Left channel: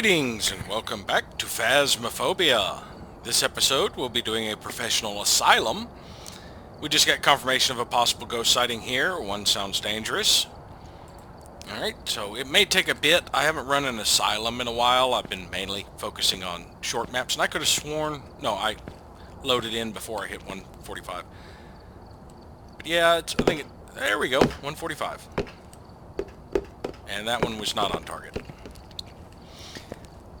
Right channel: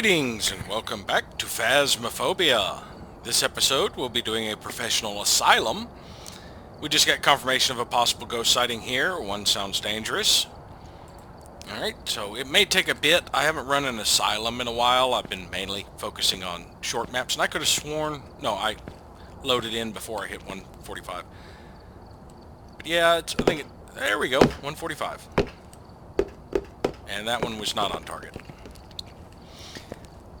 Greetings and welcome back to Phasmophobia. This episode we'll be doing a professional asylum. We just got confirmation of a possible ghost sighting here. One sounds dangerous. Alright, so it may take a bit. I haven't run an asylum in a while. I've been mainly focusing on short maps, and I could have sworn... No, I loaded in before I hit 145. But yeah, there we go, 145. And that one was not on target.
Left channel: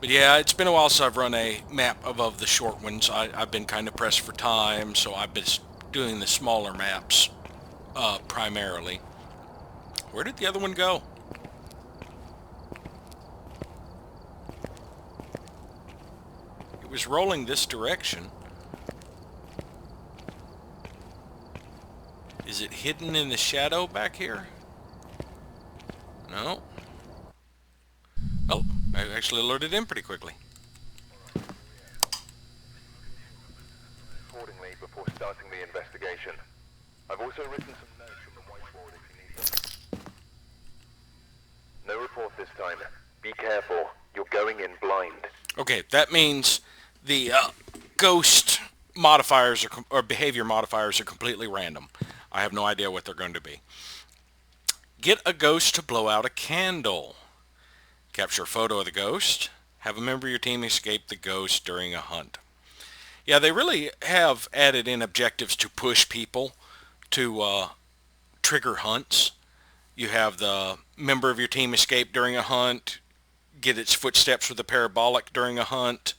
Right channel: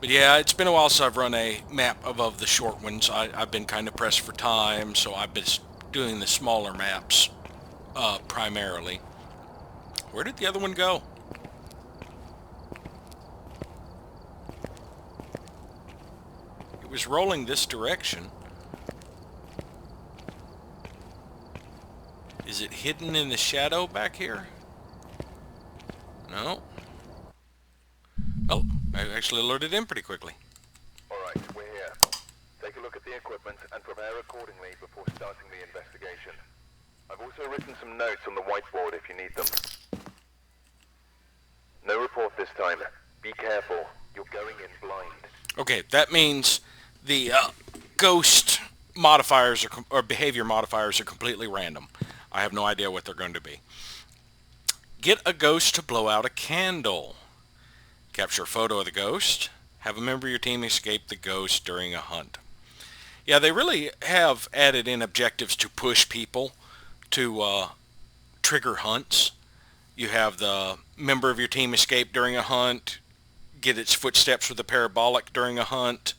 But yeah, it's been a while since I've run a map above the short ones. I've been kind of pressed for time, so I've been doing the smaller maps primarily. Where did the other one go? It was rolling this direction. Is it hidden in the shadow back here? No. Oh, I actually loaded in pretty quickly. Alright, we're here. Take a look at the equipment and prepare accordingly before starting the investigation. I've also written some notes on the whiteboard if you need them. No report this time. Be careful. You're going in blind. Okay, that means the ghost modifiers or behavior modifiers are completely random. I have no idea what they're going to be. Get a ghost to blow out a candle. Capture a photo of the ghost. Have a member of your team escape the ghost during a hunt. Yeah, they really have added in objectives to push people to trigger hunts. You have the member of your team escape during a hunt, get its footsteps with a parabolic during a hunt,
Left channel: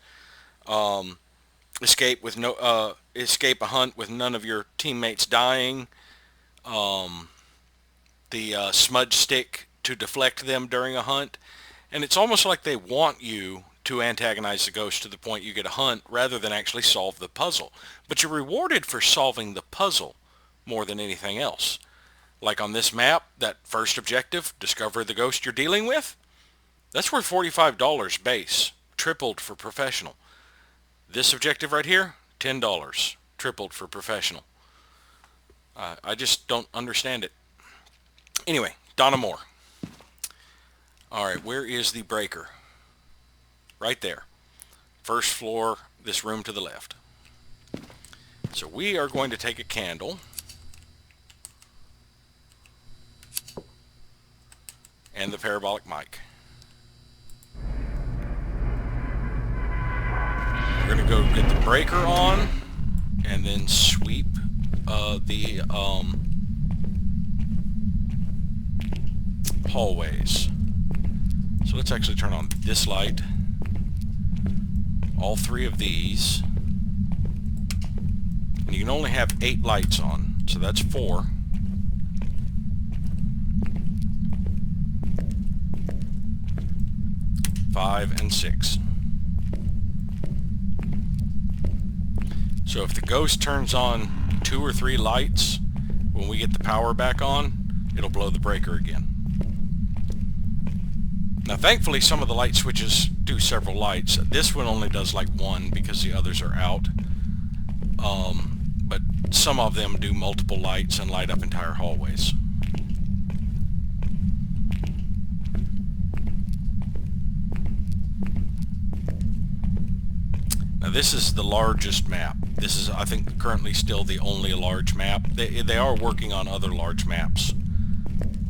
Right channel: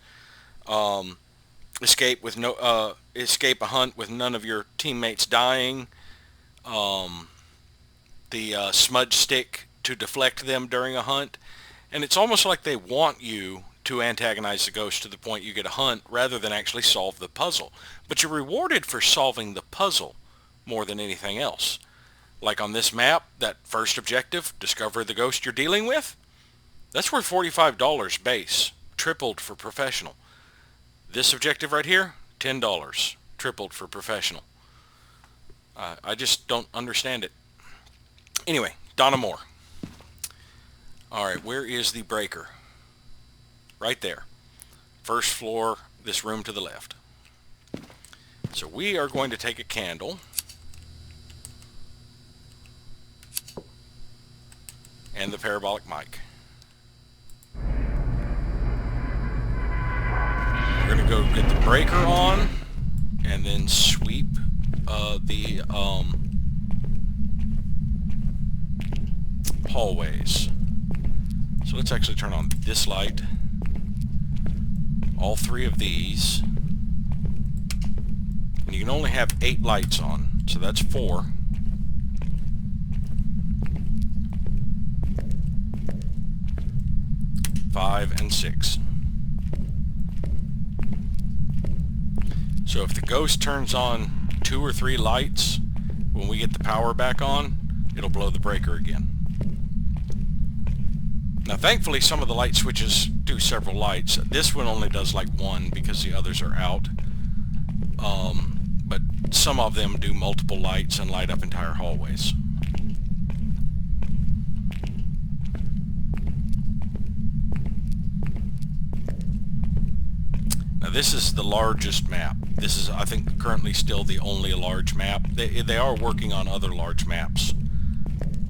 escape a hunt with none of your teammates dying, the smudge stick to deflect them during a hunt. And it's almost like they want you to antagonize the ghost to the point you get a hunt rather than actually solve the puzzle. But you're rewarded for solving the puzzle more than anything else. Like on this map, that first objective, discover the ghost you're dealing with, that's worth $45 base, tripled for professional. This objective right here, $10, tripled for professional. I just don't understand it. Anyway, Donna Moore. Alright, where is the breaker? Right there. First floor, this room to the left. So we are going to take a candle and the parabolic mic. We're going to go get the breaker on and then sweep the hallways. So let's actually turn on this light, all three of these, and you can only have 8 lights on, so that's 4. Five and 6. So if the ghost turns on 2 or 3 lights, when we get the power back on, it'll blow the breaker again. Now thankfully some of the light switches do several lights. This one only does like 1 because the others are out. But some of them do multiple lights and light up entire hallways. Now this is the largest map. This is, I think, currently still the only large map. They are working on other large maps.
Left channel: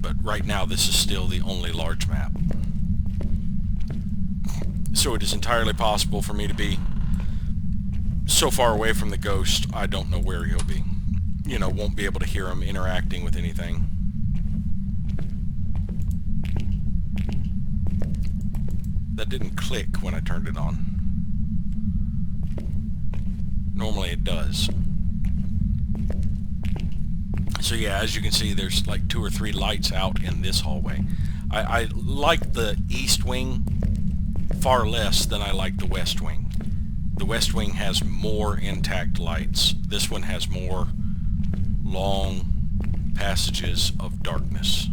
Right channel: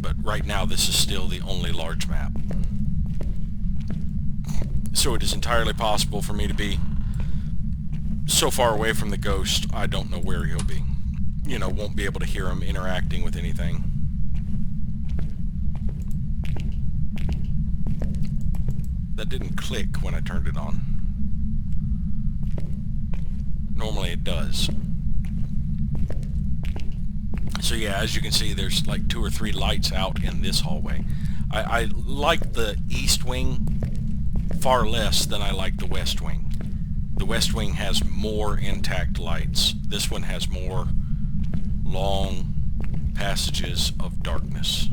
But right now this is still the only large map. So it is entirely possible for me to be so far away from the ghost, I don't know where he'll be. You know, won't be able to hear him interacting with anything. That didn't click when I turned it on. Normally it does. So yeah, as you can see, there's like 2 or 3 lights out in this hallway. I like the east wing far less than I like the west wing. The west wing has more intact lights. This one has more long passages of darkness.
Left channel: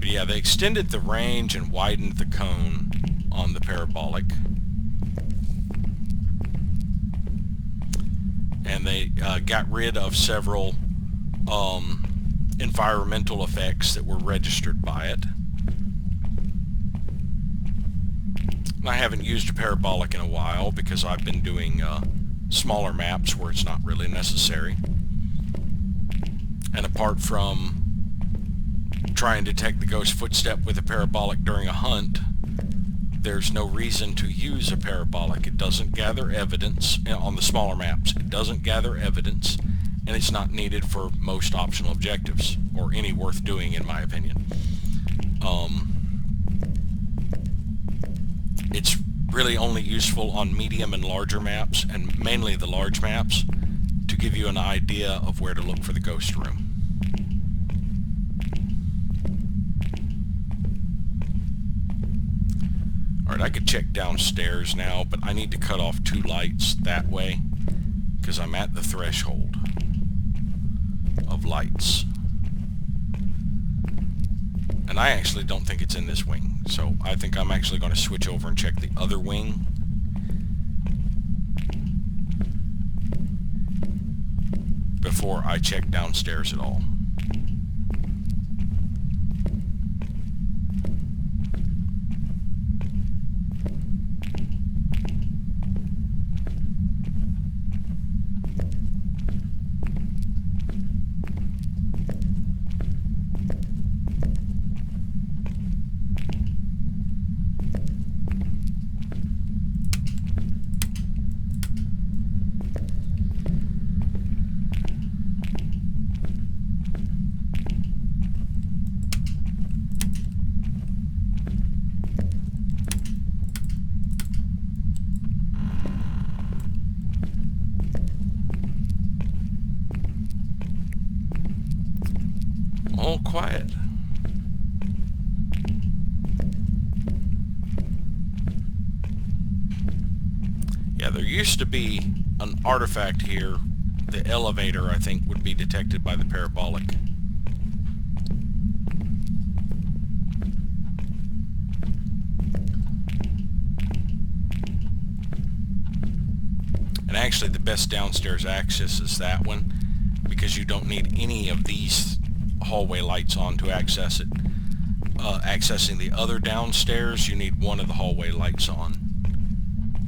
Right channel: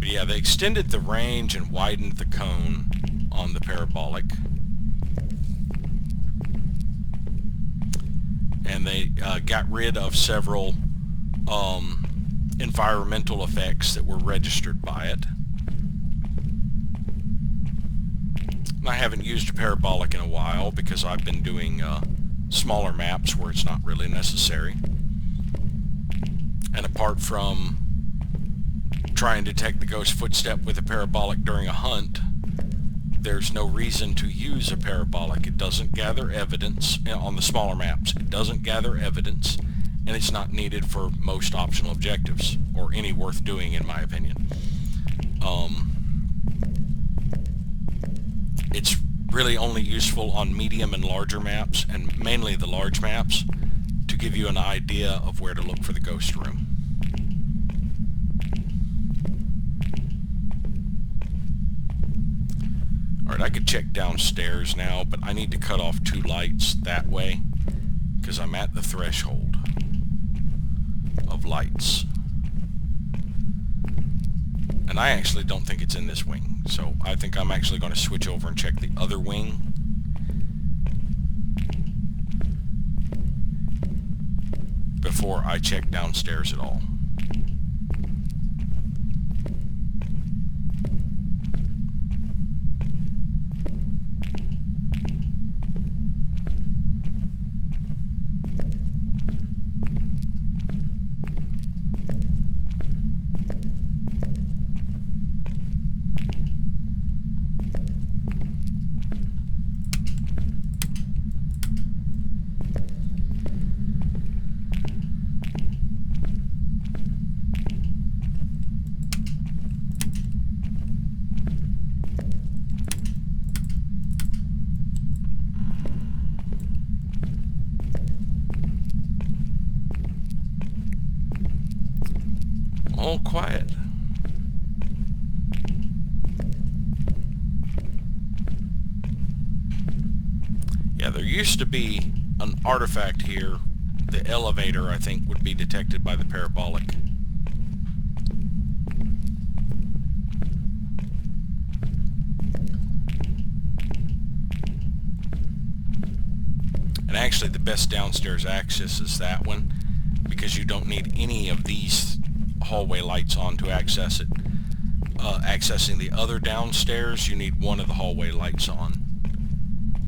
But yeah, they extended the range and widened the cone on the parabolic. And they got rid of several environmental effects that were registered by it. I haven't used a parabolic in a while because I've been doing smaller maps where it's not really necessary. And apart from trying to detect the ghost footstep with a parabolic during a hunt, there's no reason to use a parabolic. It doesn't gather evidence on the smaller maps. It doesn't gather evidence, and it's not needed for most optional objectives, or any worth doing in my opinion. It's really only useful on medium and larger maps, and mainly the large maps, to give you an idea of where to look for the ghost room. Alright, I could check downstairs now, but I need to cut off 2 lights that way, because I'm at the threshold of lights. And I actually don't think it's in this wing, so I think I'm actually going to switch over and check the other wing. Before I check downstairs at all. All quiet. Yeah, there used to be an artifact here. The elevator, I think, would be detected by the parabolic. And actually the best downstairs access is that one, because you don't need any of these hallway lights on to access it. Accessing the other downstairs, you need one of the hallway lights on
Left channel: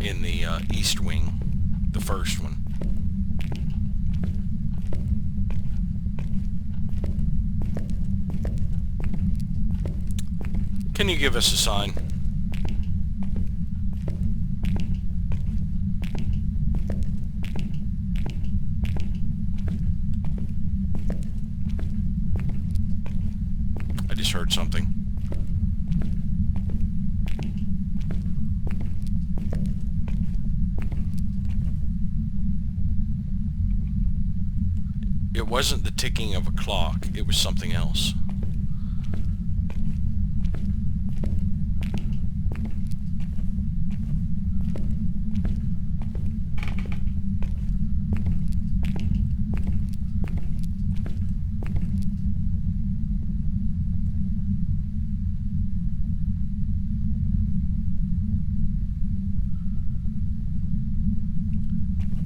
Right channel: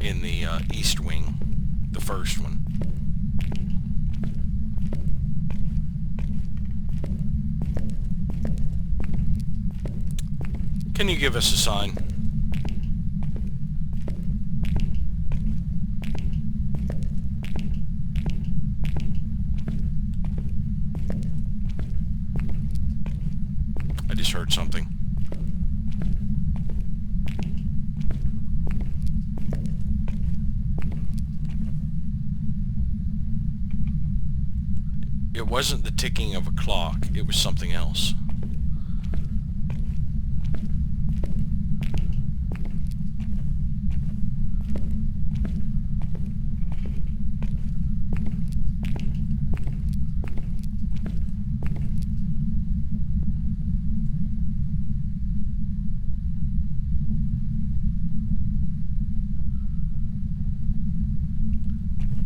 in the east wing, the first one. Can you give us a sign? I just heard something. It wasn't the ticking of a clock, it was something else.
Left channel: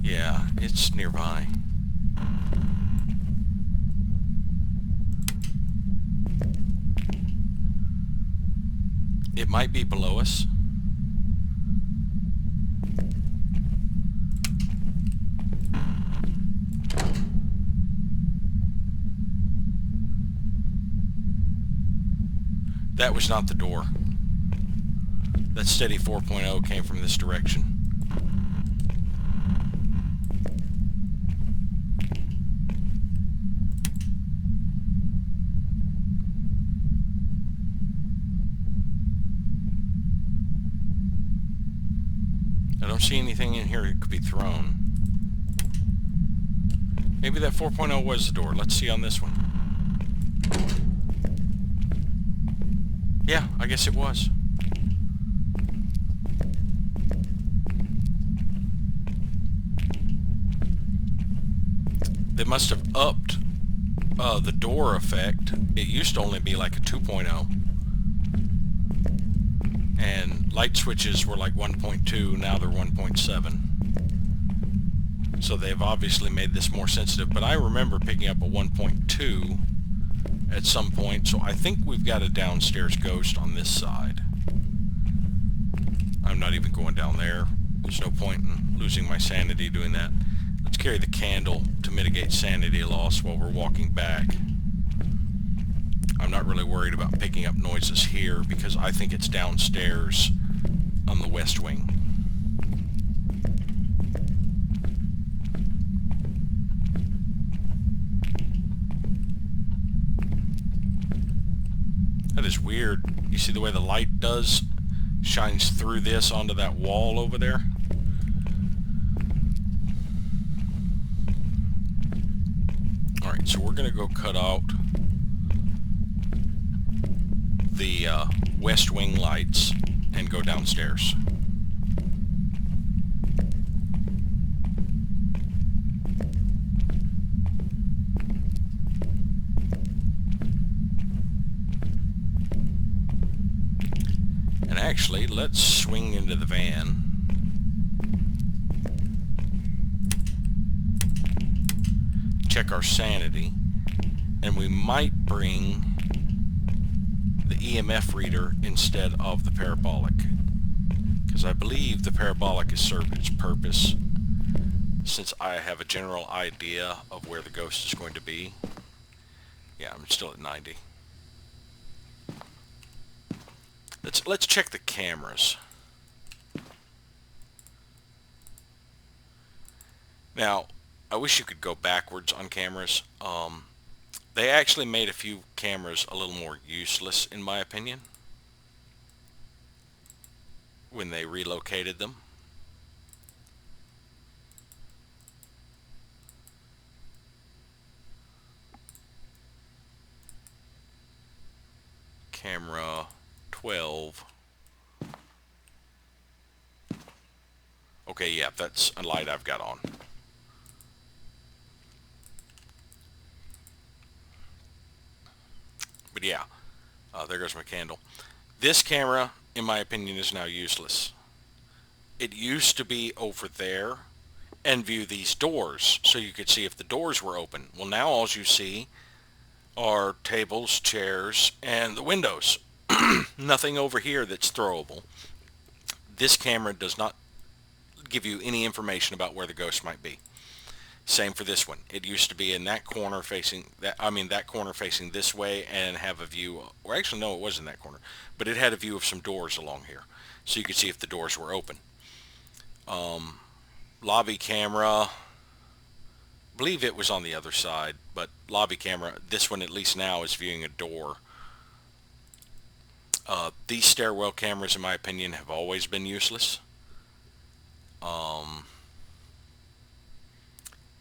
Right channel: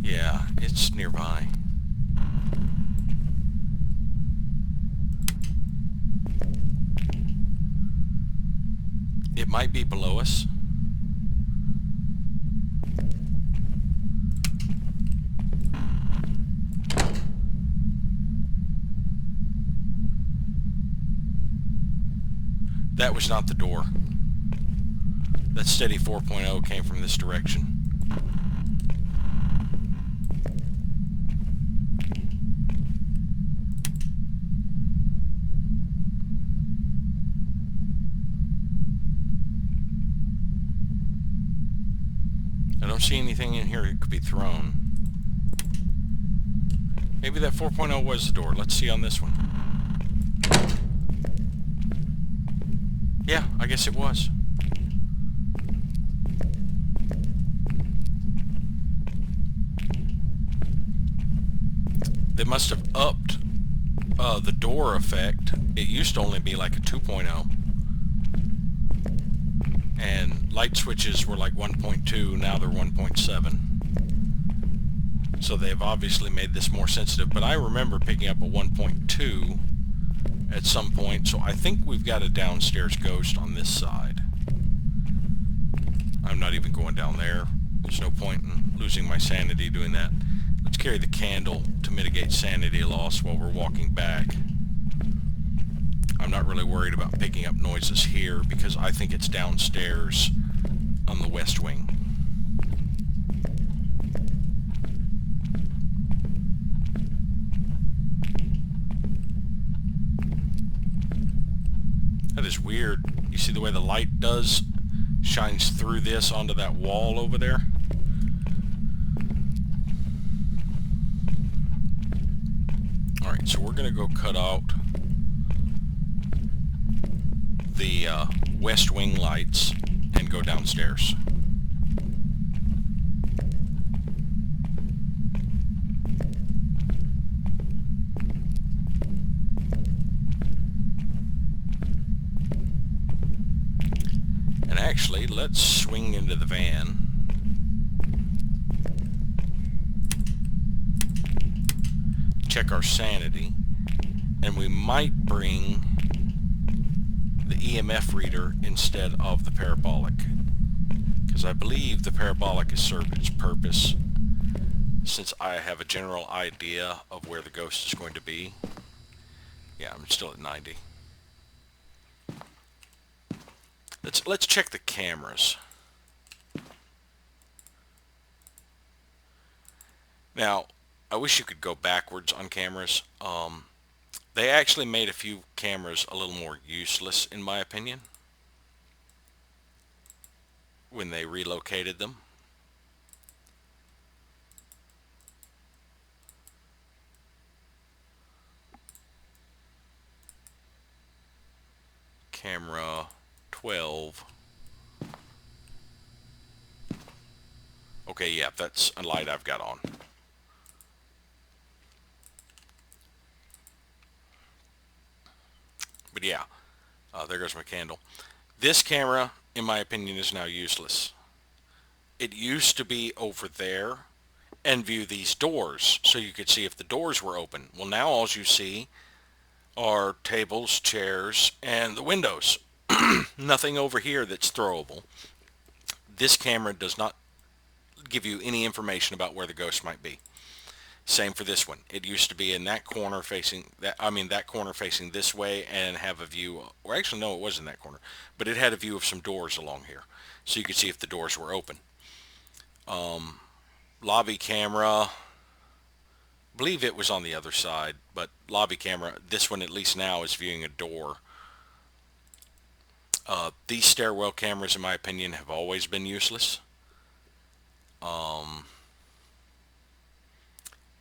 Yeah, it's nearby. It might be below us. That was not the door. That steady 4.0 came from this direction. I don't see anything in here that could be thrown. Maybe that 4.0 was the door. Let's see on this one. Yeah, I guess it was. They must have upped the door effect. It used to only be like a 2.0. And light switches were like 1.2, now they're 1.7. So they've obviously made this more sensitive, but I remember picking up a 1.2 at some point, so I think we've got a downstairs ghost on this side. I'm not even going down there. There's no point in losing my sanity doing that. Let's carry the candle to mitigate sanity loss while we're walking back. I'm not really worried about picking up noises here because I think it's downstairs on the west wing. That is weird. You see the way the light shines through this onto that wall over there? Alright, so we're going to go cut out the west wing lights and go downstairs. And actually, let's swing into the van. Check our sanity. And we might bring the EMF reader instead of the parabolic. Because I believe the parabolic has served its purpose since I have a general idea of where the ghost is going to be. Yeah, I'm still at 90. Let's check the cameras. Now, I wish you could go backwards on cameras. They actually made a few cameras a little more useless, in my opinion, when they relocated them. Camera 12. Okay, yeah, that's a light I've got on. But yeah, there goes my candle. This camera, in my opinion, is now useless. It used to be over there and view these doors so you could see if the doors were open. Well, now all you see are tables, chairs, and the windows. Nothing over here that's throwable. This camera does not give you any information about where the ghost might be. Same for this one. It used to be in that corner facing that corner facing this way and have a view, or actually no, it wasn't that corner, but it had a view of some doors along here so you could see if the doors were open. Lobby camera, I believe it was on the other side, but lobby camera, this one at least now is viewing a door. These stairwell cameras, in my opinion, have always been useless.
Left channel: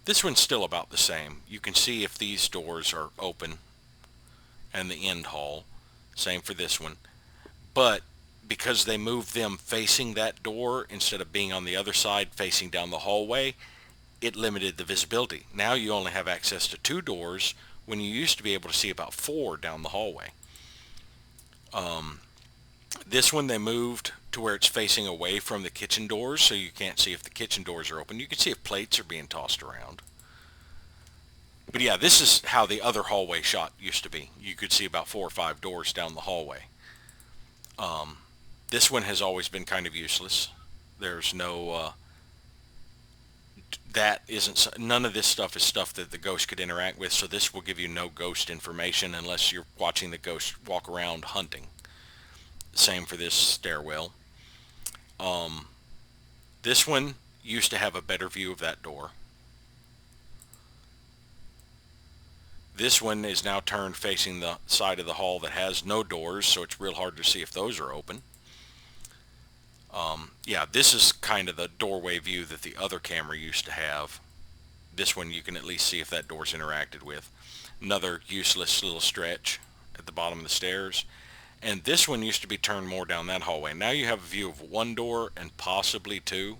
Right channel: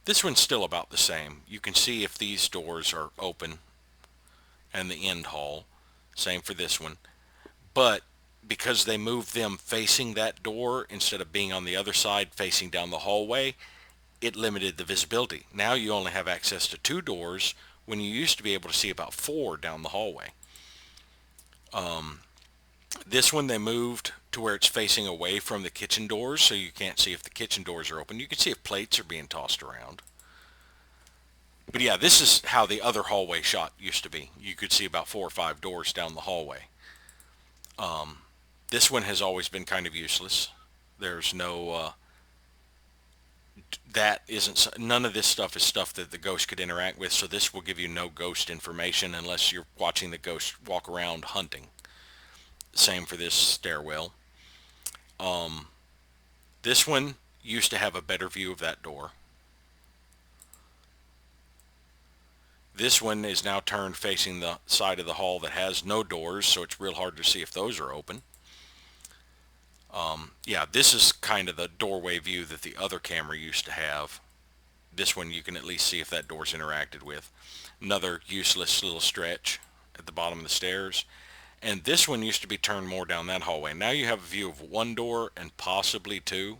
This one's still about the same. You can see if these doors are open and the end hall. Same for this one. But because they moved them facing that door instead of being on the other side facing down the hallway, it limited the visibility. Now you only have access to 2 doors when you used to be able to see about 4 down the hallway. This one they moved to where it's facing away from the kitchen doors, so you can't see if the kitchen doors are open. You can see if plates are being tossed around. But yeah, this is how the other hallway shot used to be. You could see about 4 or 5 doors down the hallway. This one has always been kind of useless. There's no... none of this stuff is stuff that the ghost could interact with, so this will give you no ghost information unless you're watching the ghost walk around hunting. Same for this stairwell. This one used to have a better view of that door. This one is now turned facing the side of the hall that has no doors, so it's real hard to see if those are open. Yeah, this is kind of the doorway view that the other camera used to have. This one you can at least see if that door's interacted with. Another useless little stretch at the bottom of the stairs. And this one used to be turned more down that hallway. Now you have a view of 1 door and possibly 2,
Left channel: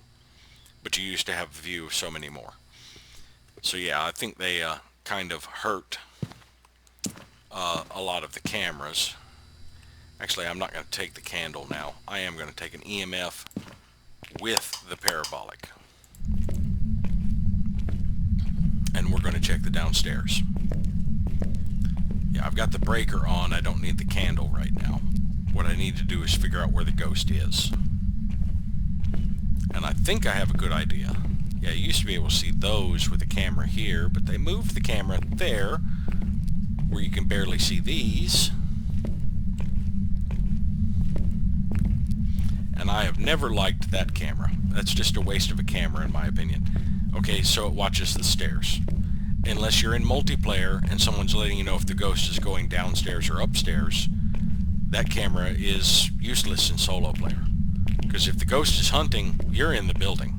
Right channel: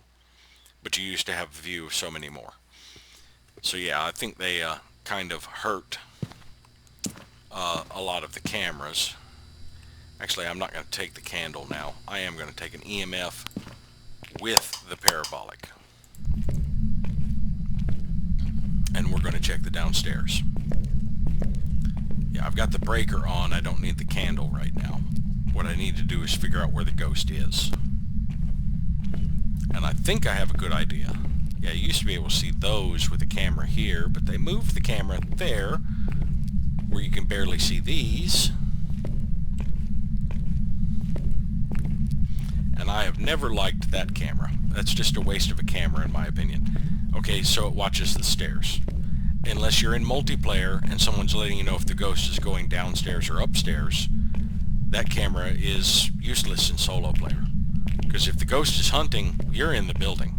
but you used to have a view of so many more. So yeah, I think they kind of hurt a lot of the cameras. Actually, I'm not going to take the candle now. I am going to take an EMF with the parabolic. and we're going to check the downstairs. Yeah, I've got the breaker on. I don't need the candle right now. What I need to do is figure out where the ghost is. And I think I have a good idea. Yeah, you used to be able to see those with the camera here, but they moved the camera there, where you can barely see these. And I have never liked that camera. That's just a waste of a camera, in my opinion. Okay, so it watches the stairs. Unless you're in multiplayer and someone's letting you know if the ghost is going downstairs or upstairs, that camera is useless in solo player. Because if the ghost is hunting, you're in the building.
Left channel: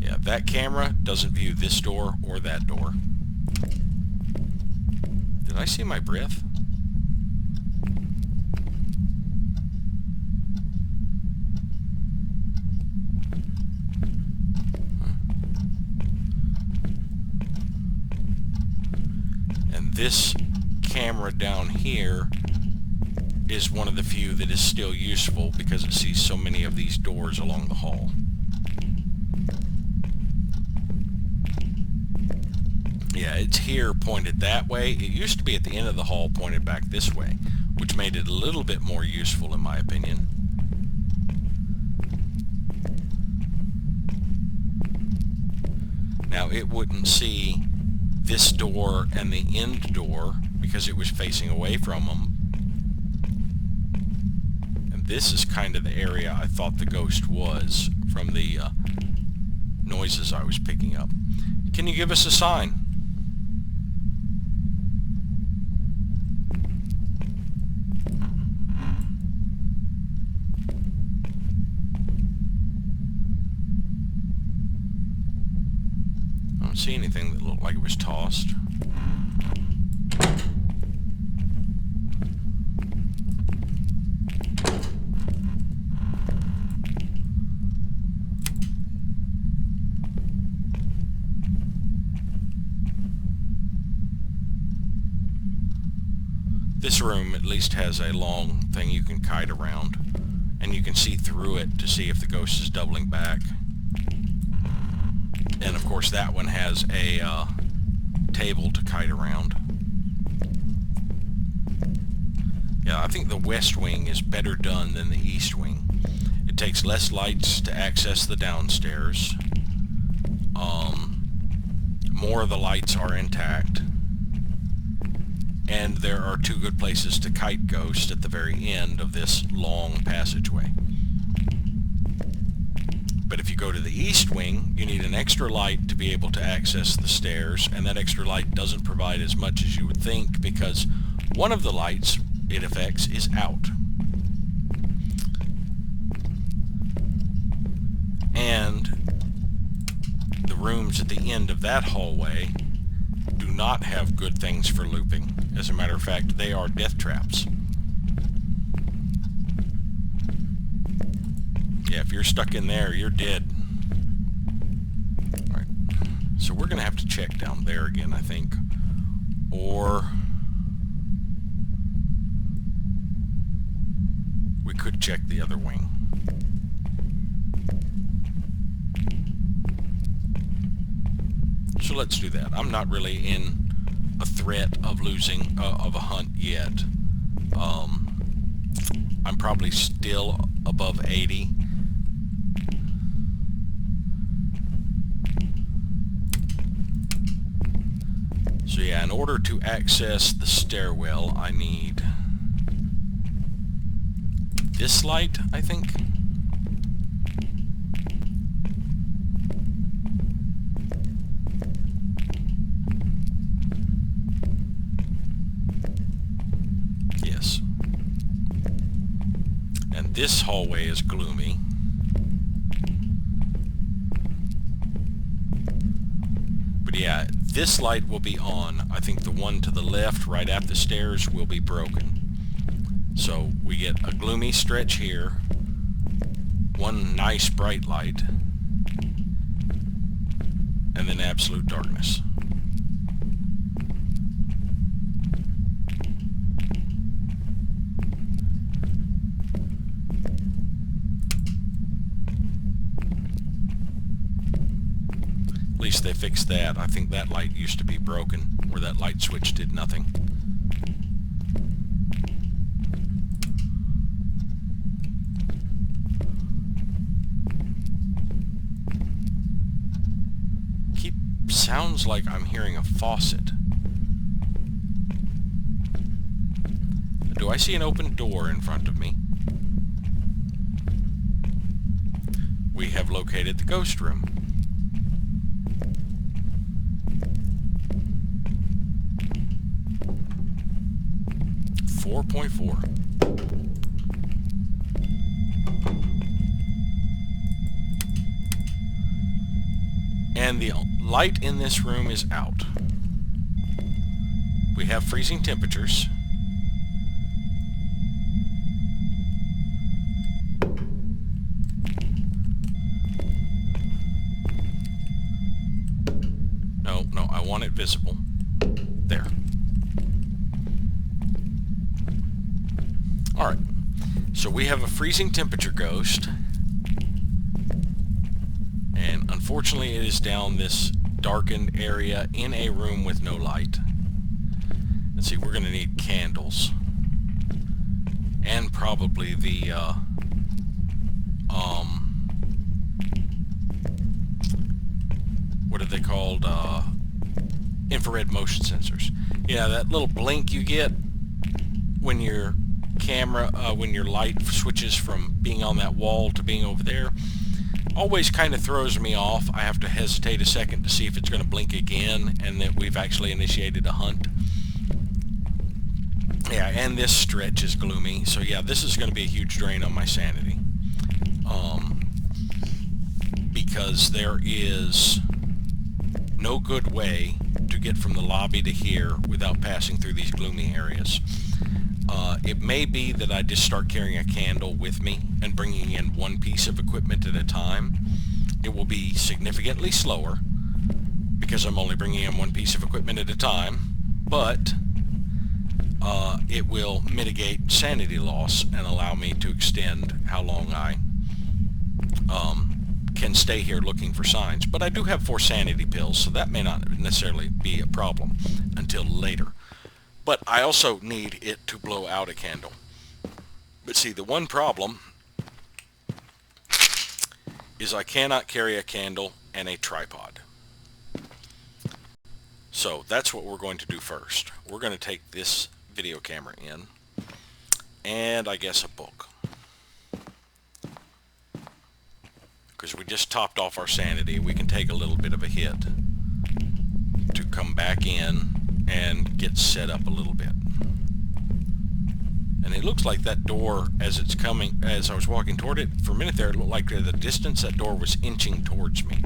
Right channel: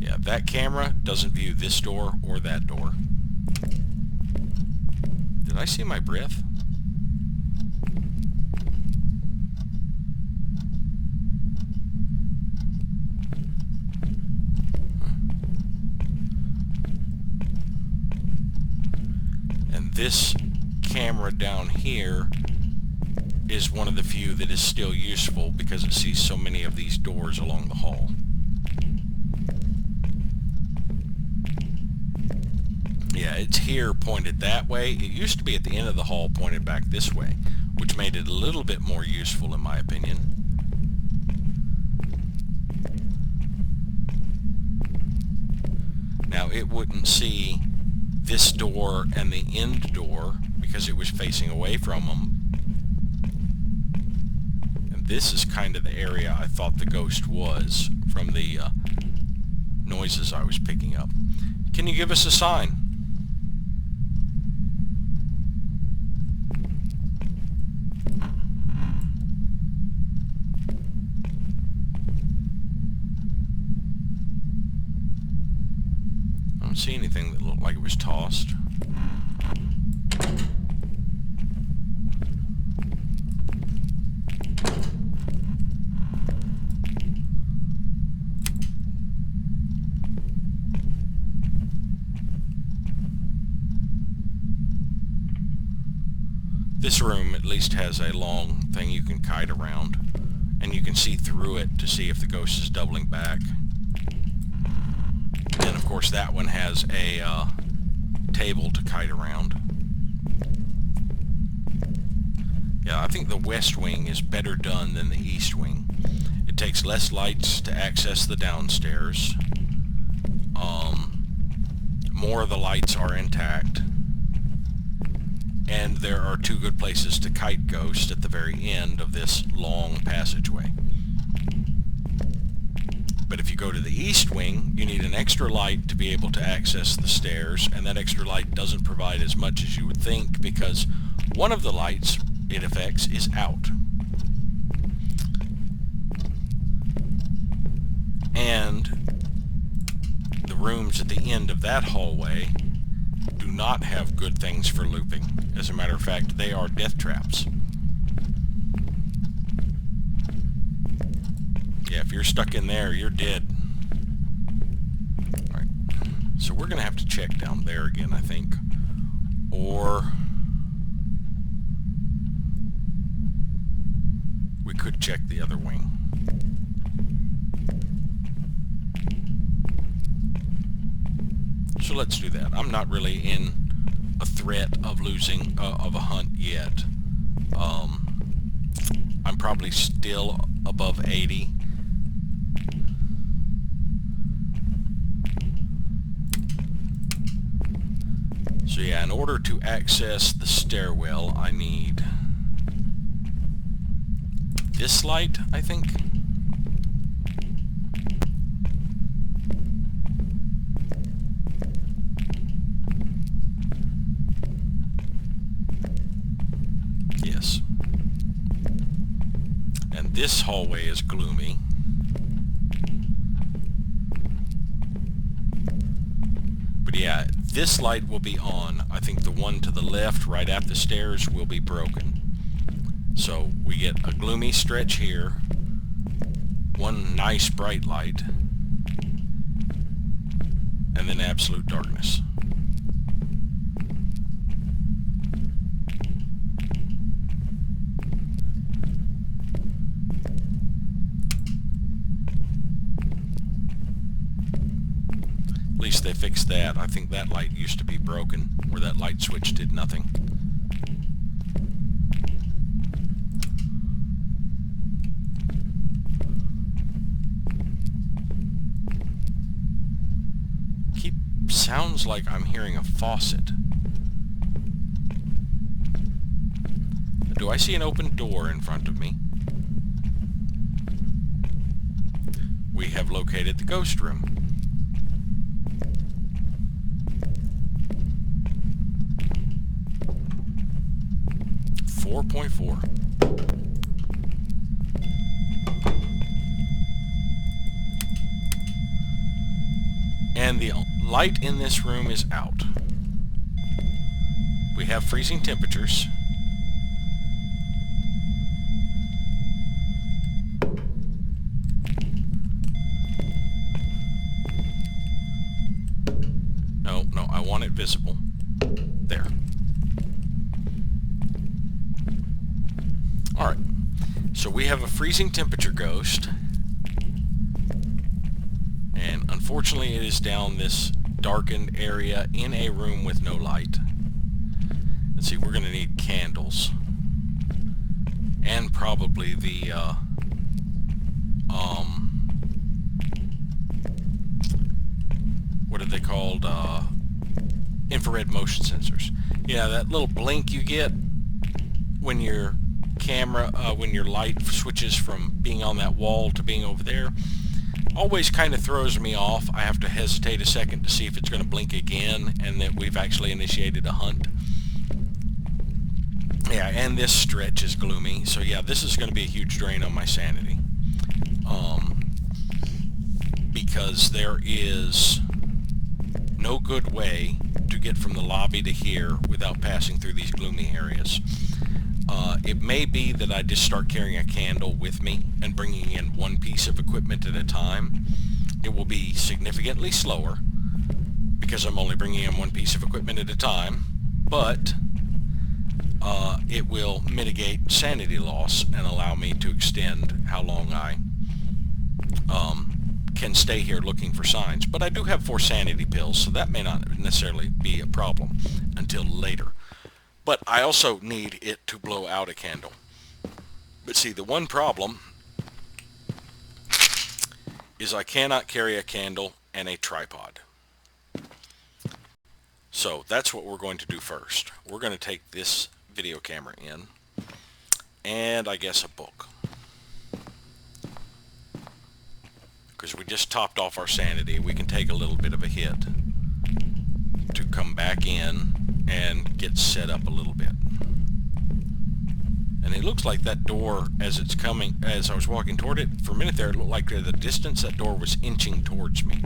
Yeah, that camera doesn't view this door or that door. Did I see my breath? And this camera down here is one of the few that is still useful because it sees so many of these doors along the hall. Yeah, it's here pointed that way. It used to be at the end of the hall pointed back this way, which made it a little bit more useful in my opinion. Now it wouldn't see this door and the end door because it was facing away from them. And this is kind of the area I thought the ghost was from the noises I was picking up. Can you give us a sign? I don't see anything that looked like it was tossed. This room at least has a long thing you can kite around, and you can see through it to see if the ghost is doubling back. And of course that one has a table to kite around. Yeah, I think the west wing is better done than the east wing. It takes less lights to access the downstairs. More of the lights are intact. And there are two good places to kite ghost at the very end of this long passageway. But if you go to the east wing, you need an extra light to be able to access the stairs, and that extra light doesn't provide as much as you would think because one of the lights it affects is out. And the rooms at the end of that hallway do not have good things for looping. As a matter of fact, they are death traps. Yeah, if you're stuck in there, you're dead. Alright, so we're going to have to check down there again, I think. Or we could check the other wing. So let's do that. I'm not really in a threat of losing of a hunt yet. I'm probably still above 80. So yeah, in order to access the stairwell, I need this light, I think. Yes. And this hallway is gloomy. But yeah, this light will be on. I think the one to the left, right at the stairs, will be broken. So we get a gloomy stretch here, one nice bright light, and then absolute darkness. least they fixed that. I think that light used to be broken, where that light switch did nothing. Sounds like I'm hearing a faucet. Do I see an open door in front of me? We have located the ghost room. .4. And the light in this room is out. We have freezing temperatures. No, I want it visible. There. Alright. So we have a freezing temperature ghost. And unfortunately it is down this darkened area in a room with no light. Let's see, we're going to need candles. And probably the, what are they called? Infrared motion sensors. Yeah, that little blink you get when your camera, when your light switches from being on that wall to being over there, always kind of throws me off. I have to hesitate a second to see if it's going to blink again and that we've actually initiated a hunt. Yeah, and this stretch is gloomy, so yeah, this is going to be a huge drain on my sanity. Because there is no good way to get from the lobby to here without passing through these gloomy areas. It may be that I just start carrying a candle with me and bringing in one piece of equipment at a time. It will be significantly slower because I'm only bringing in one piece of equipment at a time, but it will mitigate sanity loss and allow me to extend how long I can stay here looking for signs. But I do have 4 sanity pills, so that may not necessarily be a problem until later. But I also need it to blow out a candle. But see, the one problem is I cannot carry a candle and a tripod. So that's what we're going to do first. We're going to take this video camera in, and I guess a book. Because we just topped off our sanity, we can take a little bit of a hit to come back in and get set up a little bit. And it looks like that door, as it's coming, as I was walking toward it, for a minute there, it looked like at the distance that door was inching towards me.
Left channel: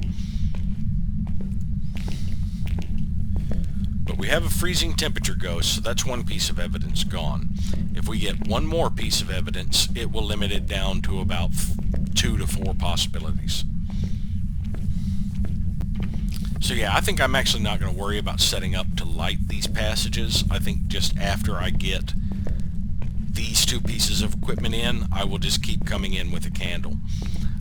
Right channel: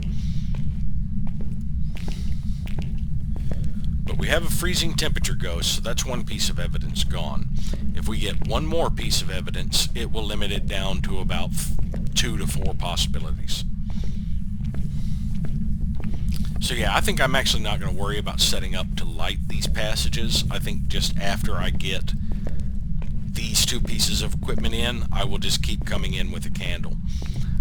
But we have a freezing temperature ghost, so that's one piece of evidence gone. If we get one more piece of evidence, it will limit it down to about 2 to 4 possibilities. So yeah, I think I'm actually not going to worry about setting up to light these passages. I think just after I get these 2 pieces of equipment in, I will just keep coming in with a candle.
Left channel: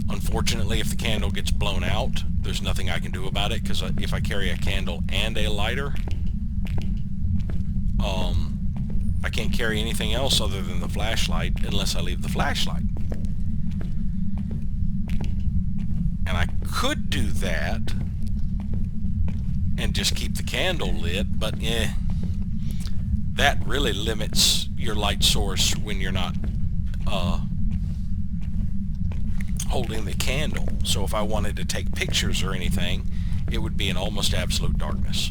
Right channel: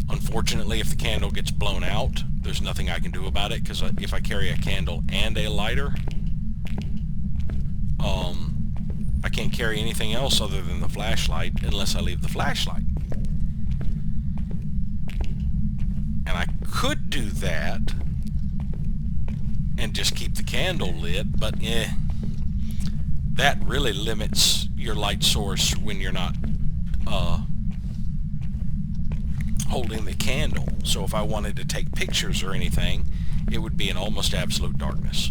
Unfortunately, if the candle gets blown out, there's nothing I can do about it, because if I carry a candle and a lighter, I can't carry anything else other than the flashlight unless I leave the flashlight. And I could do that and just keep the candle lit, but that really limits your light source when you're not holding the candle. So if I wanted to take pictures or anything, it would be in almost absolute darkness.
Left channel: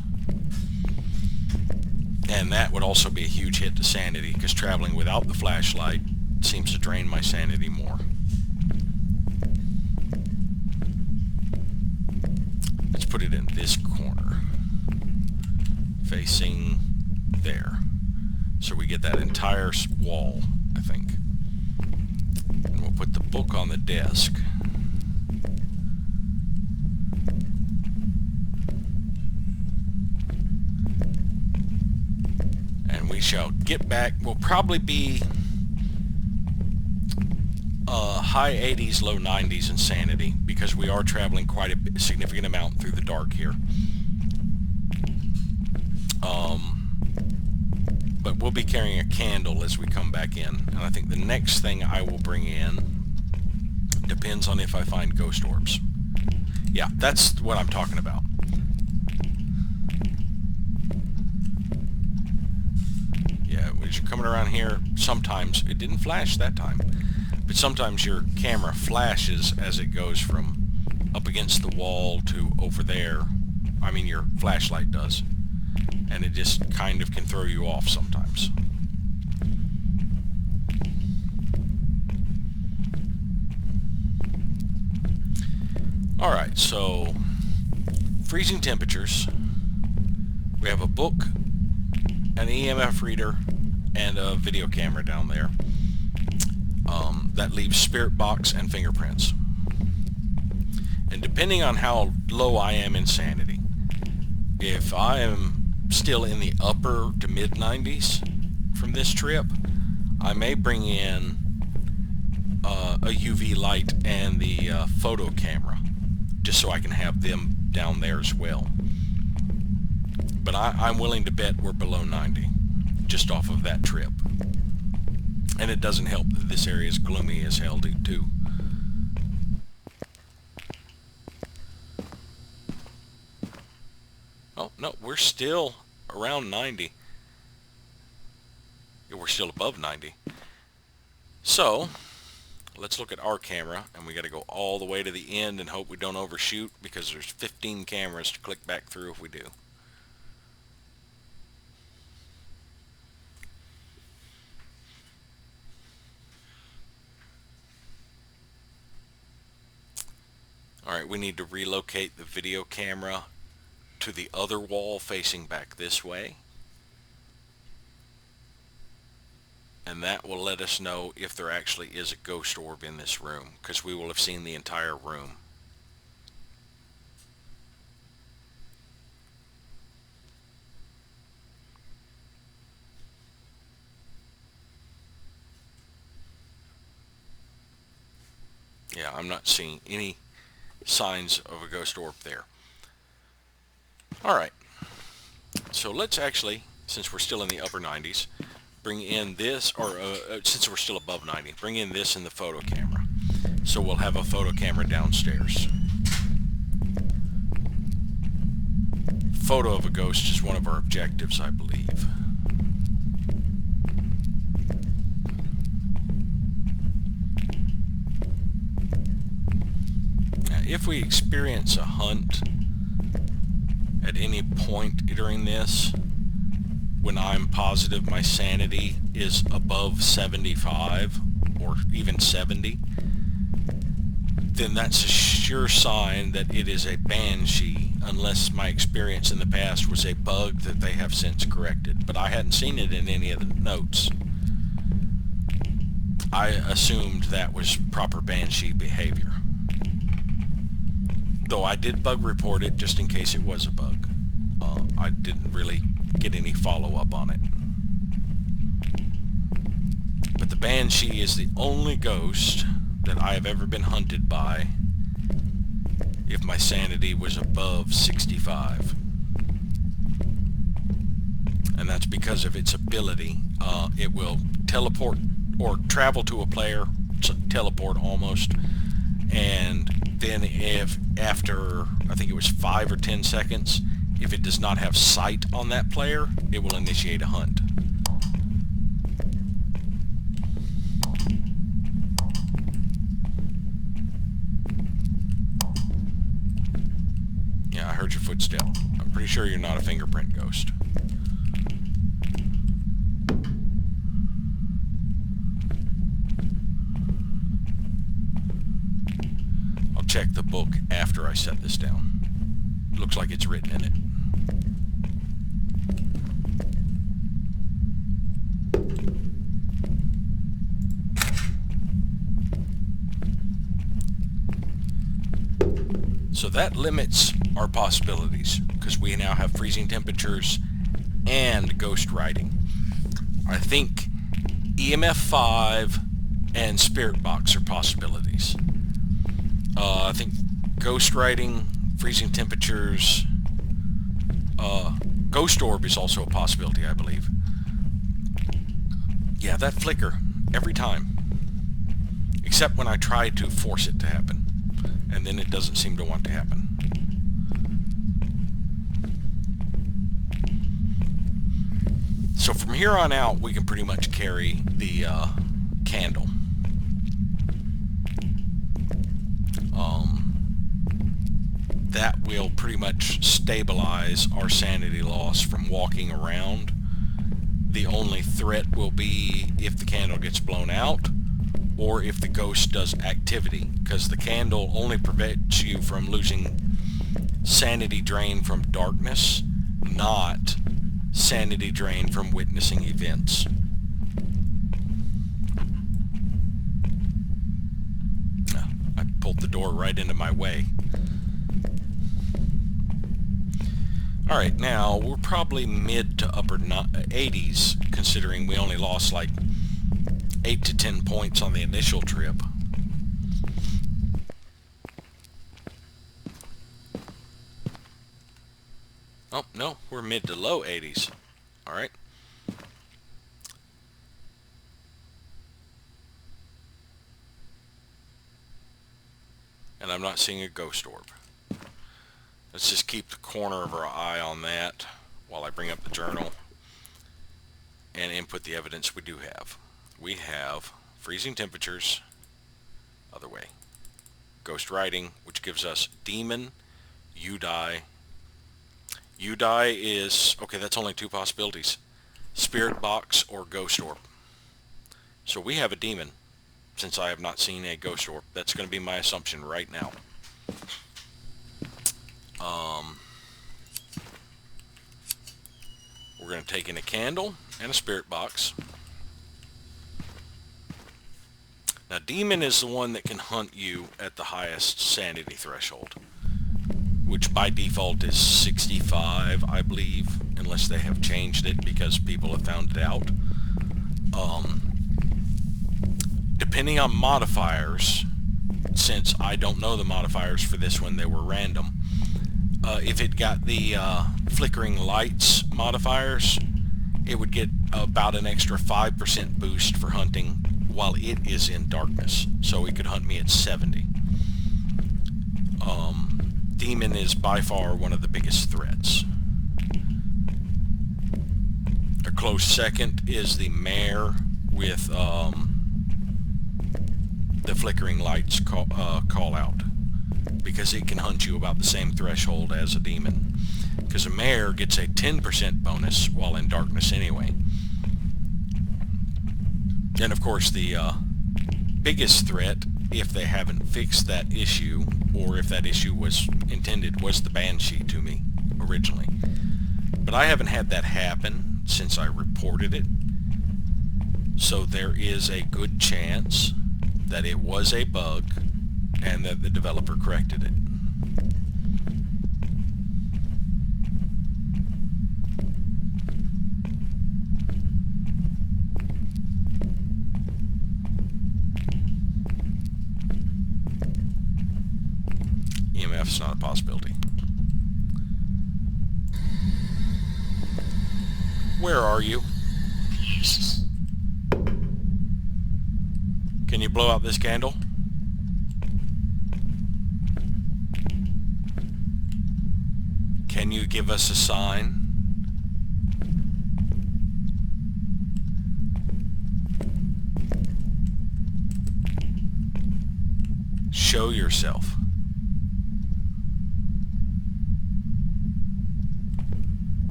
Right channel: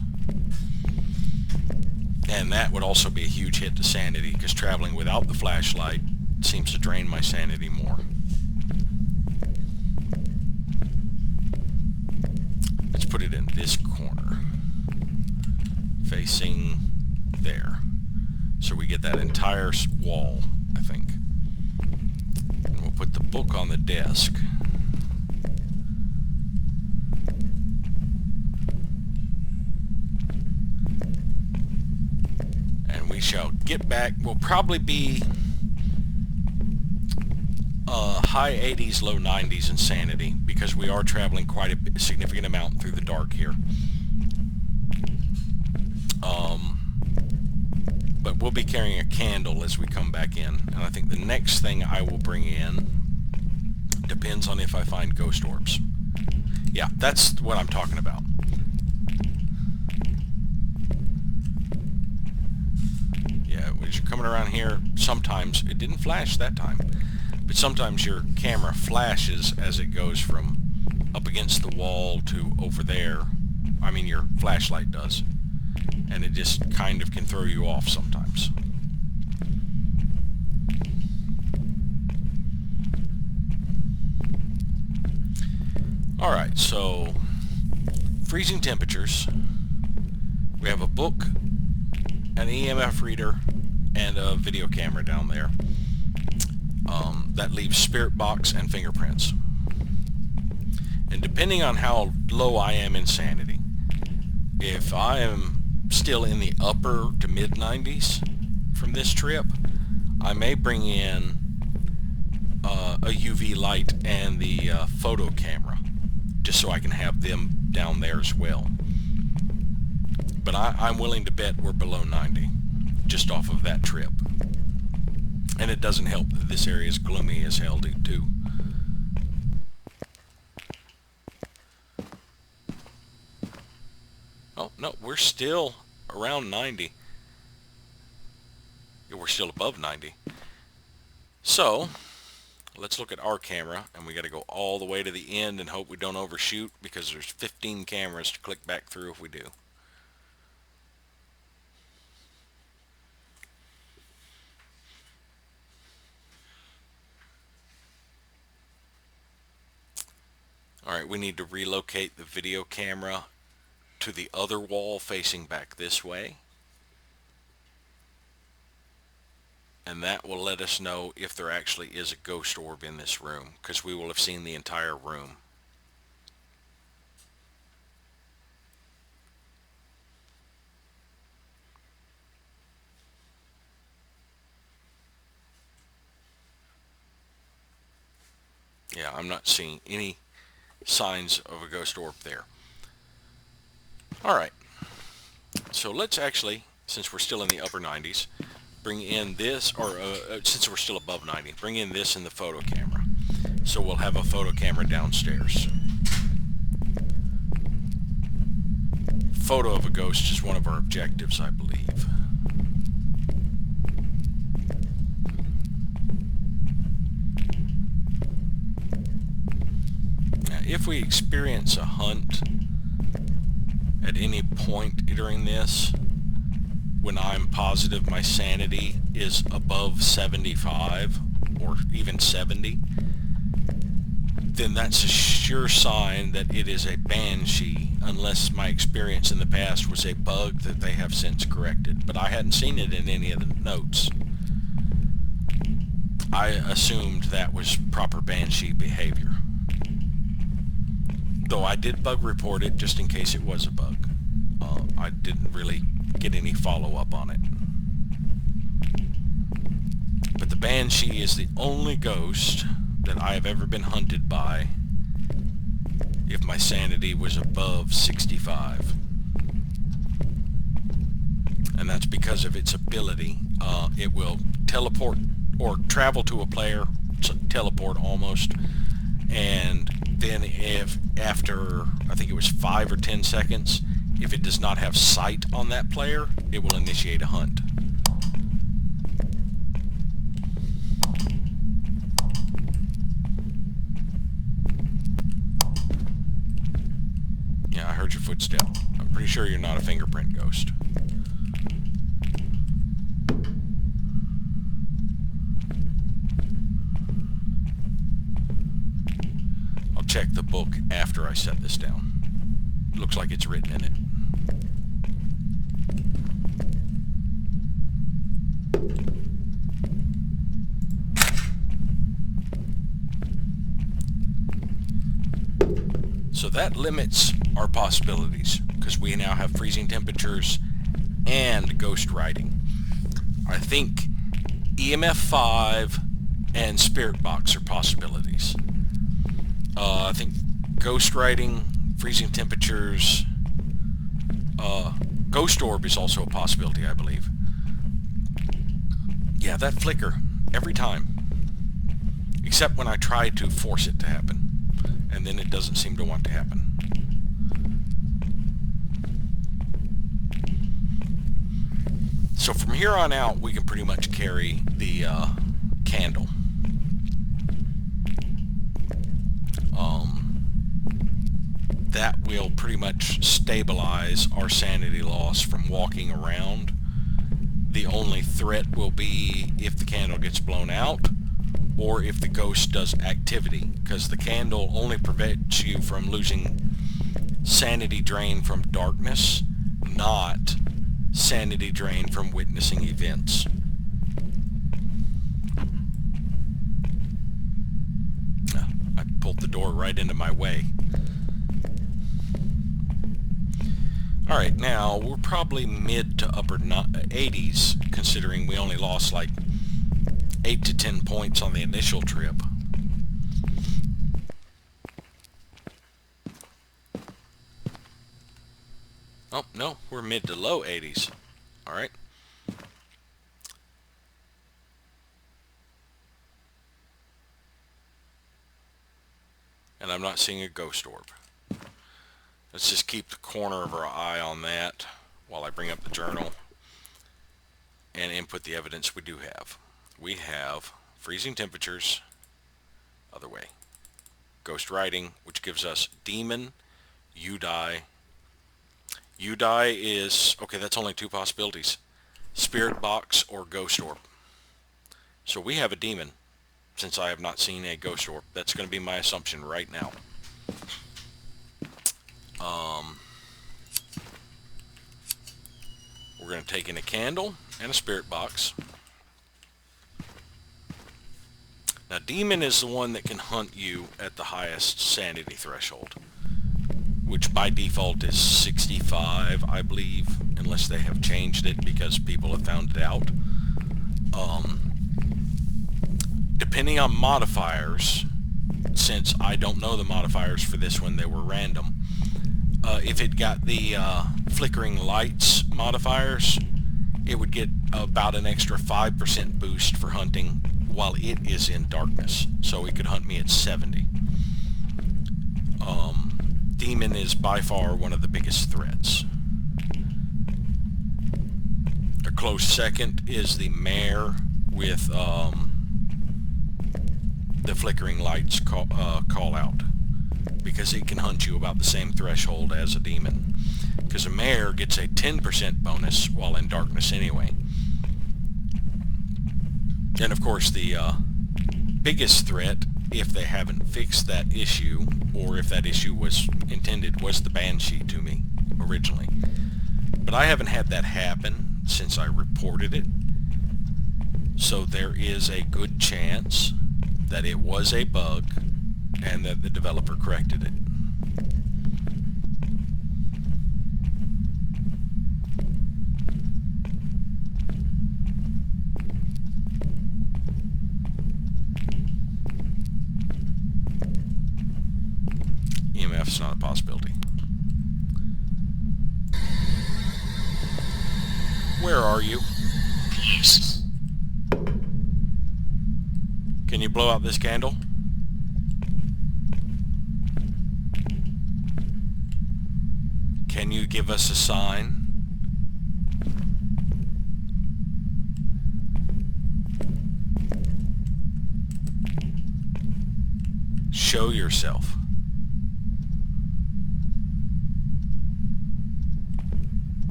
And that would also be a huge hit to sanity, because traveling without the flashlight seems to drain my sanity more. Let's put it in this corner, facing there, so we get that entire wall, I think. And we'll put the book on the desk. And we shall get back. We'll probably be high 80s, low 90s insanity, because we are traveling quite a significant amount through the dark here. But we'll be carrying a candle as we come back in, and I think the next thing I will bring in depends on if I find ghost orbs. Yeah, that's what I'm talking about. Yeah, as you're coming around here, sometimes, it didn't flash that time, but sometimes your camera flashes as it goes from up against the wall to over there. I mean, your flashlight does. And it just kind of can throw you off sometimes. Alright, so freezing temperatures. We have a book, an EMF reader, and a video camera down there. That leaves spirit box and fingerprints. And depending on how low I am in sanity, if I am still in the upper to mid 90s from this trip, I may bring in a UV light and the photo camera, just so I can have them down there as well. But I'm willing to bet we're below 90 just off of that trip. And it doesn't help that this area is gloomy as hell too. Oh, no, we're still around 90. Yeah, we're still above 90. So, let's look at our camera, and we got to go all the way to the end and hope we don't overshoot, because there's 15 cameras to click back through if we do. Alright, we need to relocate the video camera to the other wall facing back this way. And that will let us know if there actually is a ghost orb in this room, because we will have seen the entire room. Yeah, I'm not seeing any signs of a ghost orb there. Alright, so let's actually, since we're still in the upper 90s, bring in this, or since we're still above 90, bring in this in the photo camera. So we'll have a photo camera downstairs. Photo of a ghost is one of our objectives, I believe. Now, if we experience a hunt at any point during this, when I'm positive my sanity is above 75 or even 70, then that's a sure sign that it is a banshee, unless my experience in the past was a bug that they have since corrected. But I hadn't seen it in any of the notes. I assumed that was proper banshee behavior. Though I did bug report it just in case it was a bug. I didn't really get any follow-up on it. But the banshee is the only ghost that I have ever been hunted by if my sanity was above 65. And that's because of its ability. It will teleport or travel to a player, teleport almost, and then if after, I think it was 5 or 10 seconds, if it does not have sight on that player, it will initiate a hunt. Yeah, I heard your footstep. I'm pretty sure you're not a fingerprint ghost. I'll check the book after I set this down. Looks like it's written in it. So that limits our possibilities, because we now have freezing temperatures and ghost writing. I think EMF 5 and spirit box are possibilities. I think ghost writing, freezing temperatures, ghost orb is also a possibility, I believe. Yeah, that flicker every time, except when I try to force it to happen, and then it doesn't seem to want to happen. So from here on out, we can pretty much carry the candle. That will pretty much stabilize our sanity loss from walking around. The only threat will be if the candle gets blown out or if the ghost does activity, because the candle only prevents you from losing sanity drain from darkness, not sanity drain from witnessing events. I pulled the door right into my way. Alright, now we're probably mid to upper 80s, considering we only lost like 8 to 10 points on the initial trip. Oh, no, we're mid to low 80s. Alright. And I'm not seeing a ghost orb. Let's just keep the corner of our eye on that while I bring up the journal and input the evidence we do have. We have freezing temperatures, other way. Ghost writing, which gives us demon, you die. You die is, okay, that's only two possibilities. Spirit box or ghost orb. So we have a demon, since I have not seen a ghost orb. That's going to be my assumption right now. We're going to take in a candle and a spirit box. Now, demon is the one that can hunt you at the highest sanity threshold, which by default is 65, I believe, unless they have changed it because people have found it out. Depending on modifiers, since I don't know the modifiers for this one, they were random. If it got the flickering lights modifiers, it would get about an extra 5% boost for hunting while it is in darkness. So it could hunt me at 70. Demon is by far one of the biggest threats. A close second is the mare with the flickering lights call out, because it can hunt you about the same threshold as a demon, because a mare gets a 10% bonus while in darkness anyway. And of course the biggest threat, if they haven't fixed that issue, or if that issue was intended, was the banshee to me originally. But I haven't had that happen since I reported it, so there is a good chance that it was a bug and that the developer corrected it. EMF is not a possibility. Where are you? Can you blow out this candle? Can you give us a sign? Show yourself.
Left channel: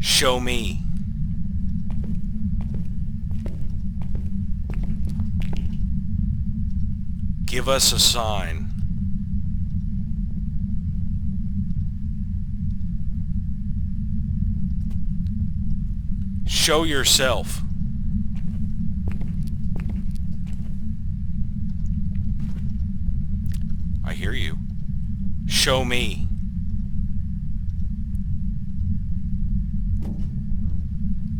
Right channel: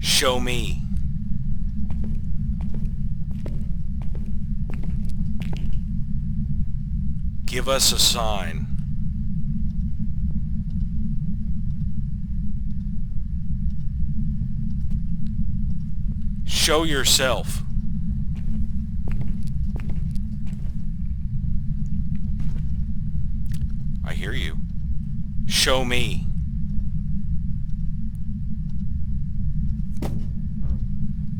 Show me. Give us a sign. Show yourself. I hear you. Show me.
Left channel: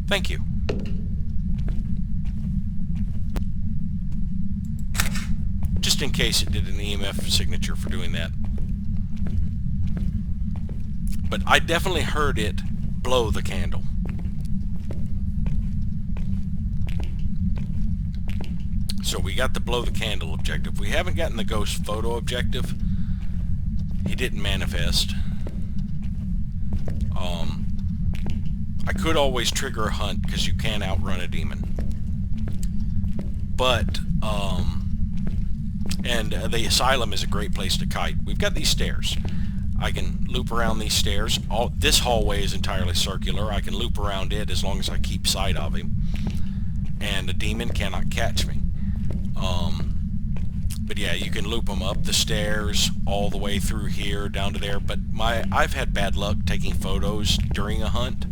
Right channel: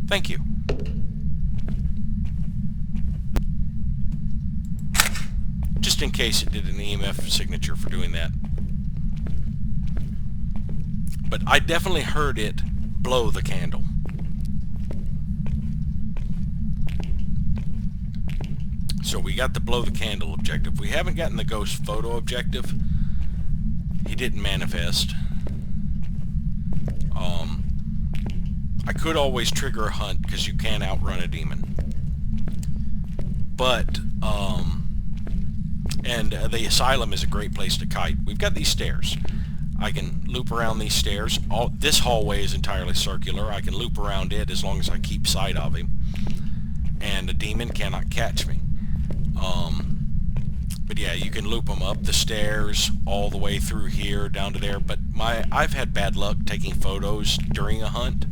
Thank you. just in case it did an EMF signature for doing that. But I definitely heard it blow the candle. So we got the blow the candle objective. We haven't gotten the ghost photo objective. He didn't manifest. I could always trigger a hunt because you can outrun a demon. But, and the Asylum is a great place to kite. We've got these stairs. I can loop around these stairs. This hallway is entirely circular. I can loop around it as long as I keep sight of him. And a demon cannot catch me. But yeah, you can loop them up the stairs all the way through here down to there. But I've had bad luck taking photos during a hunt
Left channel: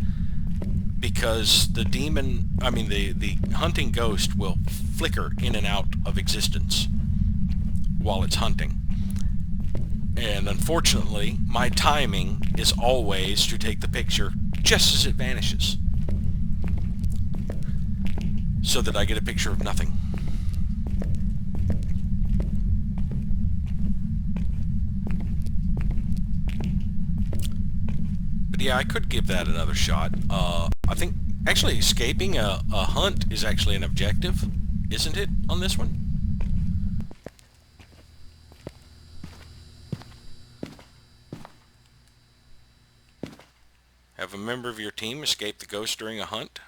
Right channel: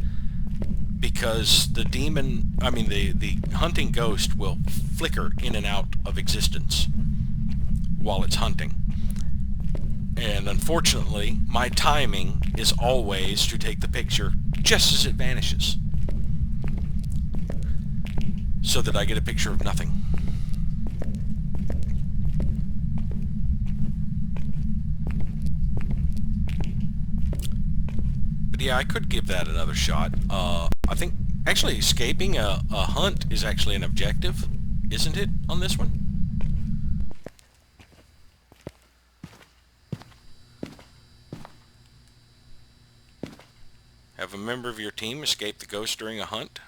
because the demon, the hunting ghost will flicker in and out of existence while it's hunting. And unfortunately, my timing is always to take the picture just as it vanishes, so that I get a picture of nothing. But yeah, I could give that another shot. I think actually escaping a hunt is actually an objective, isn't it, on this one? Have a member of your team escape the ghost during a hunt.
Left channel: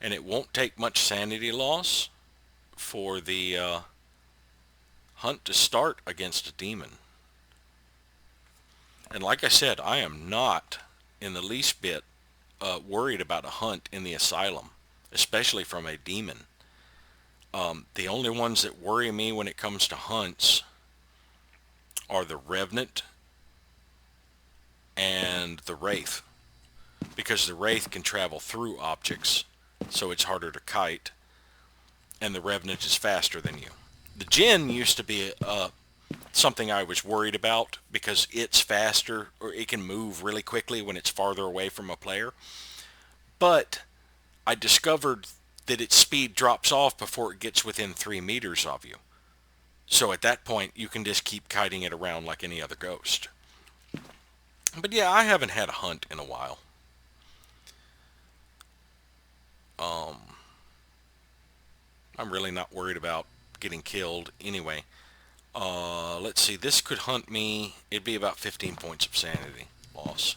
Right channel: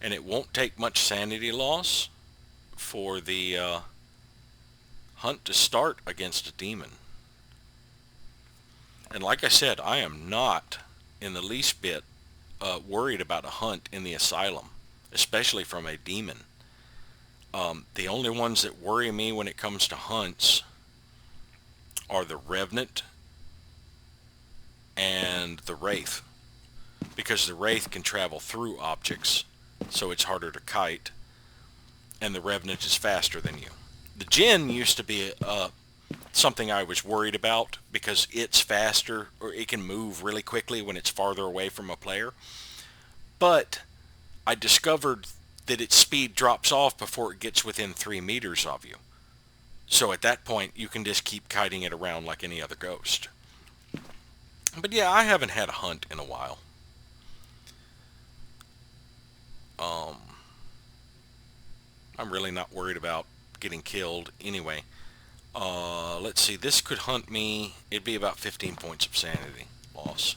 And it won't take much sanity loss for the hunt to start against a demon. And like I said, I am not in the least bit worried about a hunt in the Asylum, especially from a demon. The only ones that worry me when it comes to hunts are the Revenant and the Wraith, because the Wraith can travel through objects, so it's harder to kite, and the Revenant is faster than you. The Djinn used to be something I was worried about because it's faster, or it can move really quickly when it's farther away from a player. But I discovered that its speed drops off before it gets within 3 meters of you. So at that point, you can just keep kiting it around like any other ghost. But yeah, I haven't had a hunt in a while. I'm really not worried about getting killed anyway. Let's see, this could hunt me. It'd be about 15 points of sanity loss.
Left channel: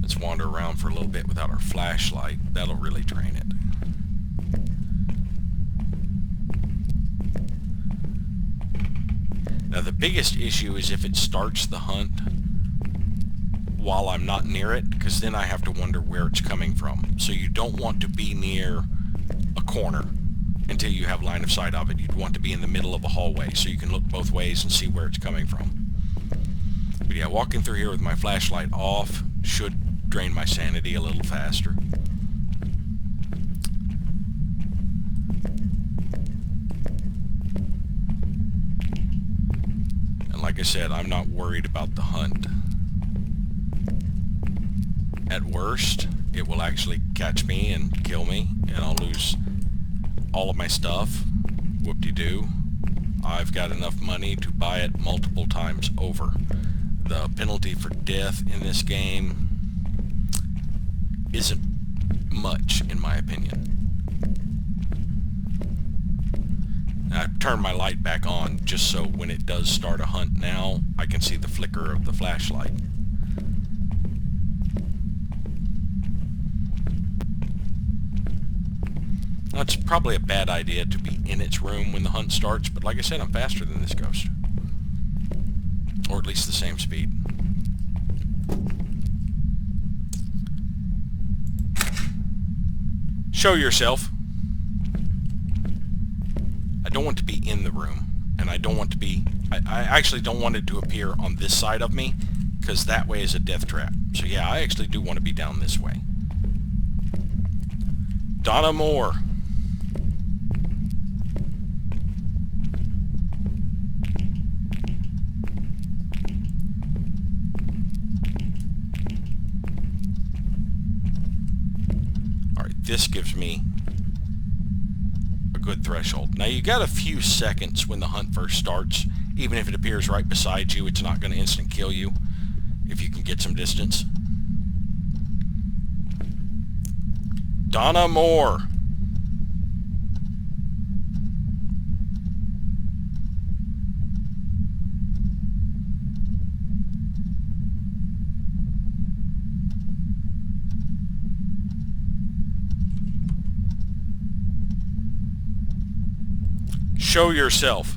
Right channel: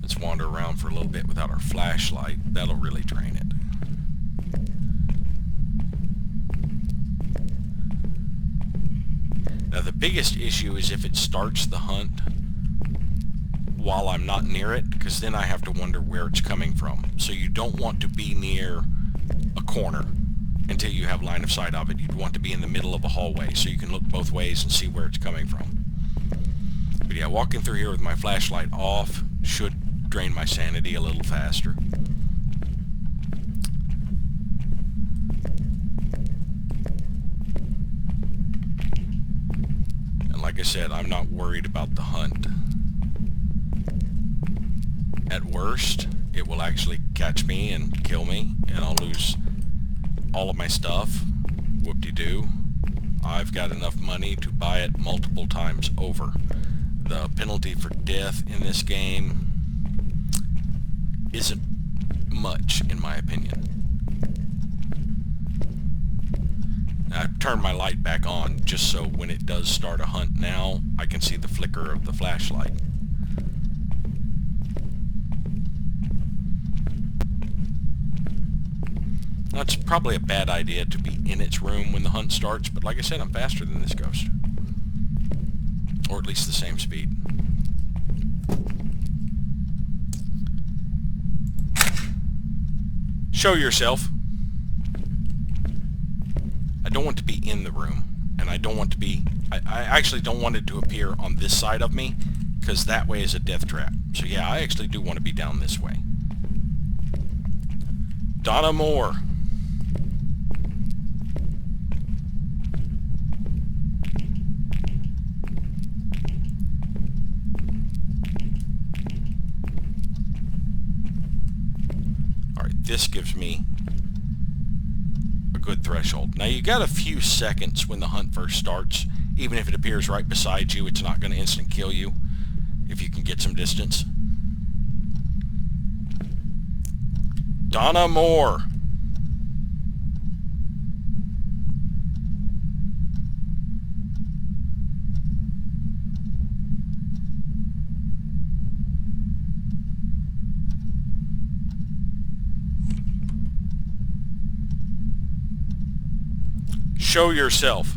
Let's wander around for a little bit without our flashlight. That'll really drain it. Now the biggest issue is if it starts the hunt while I'm not near it, because then I have to wonder where it's coming from. So you don't want to be near a corner until you have line of sight of it. You'd want to be in the middle of a hallway so you can look both ways and see where it's coming from. But yeah, walking through here with my flashlight off should drain my sanity a little faster. And like I said, I'm not worried about the hunt. At worst, it will actually catch me and kill me, and I'll lose all of my stuff. Whoop-de-doo. I've got enough money to buy it multiple times over. The penalty for death in this game isn't much, in my opinion. I've turned my light back on just so when it does start a hunt now, I can see the flicker of the flashlight. Now, it's probably a bad idea to be in its room when the hunt starts, but like I said, I'm faster than this ghost. Or at least the same speed. Show yourself. I don't want to be in the room, and I don't want to be... I actually don't want it to appear on this side of me, because that way is a death trap. So yeah, I actually do want to be down this way. Donna Moore. this gives me a good threshold. Now you got a few seconds when the hunt first starts. Even if it appears right beside you, it's not going to instant kill you if you can get some distance. Donna Moore. Show yourself.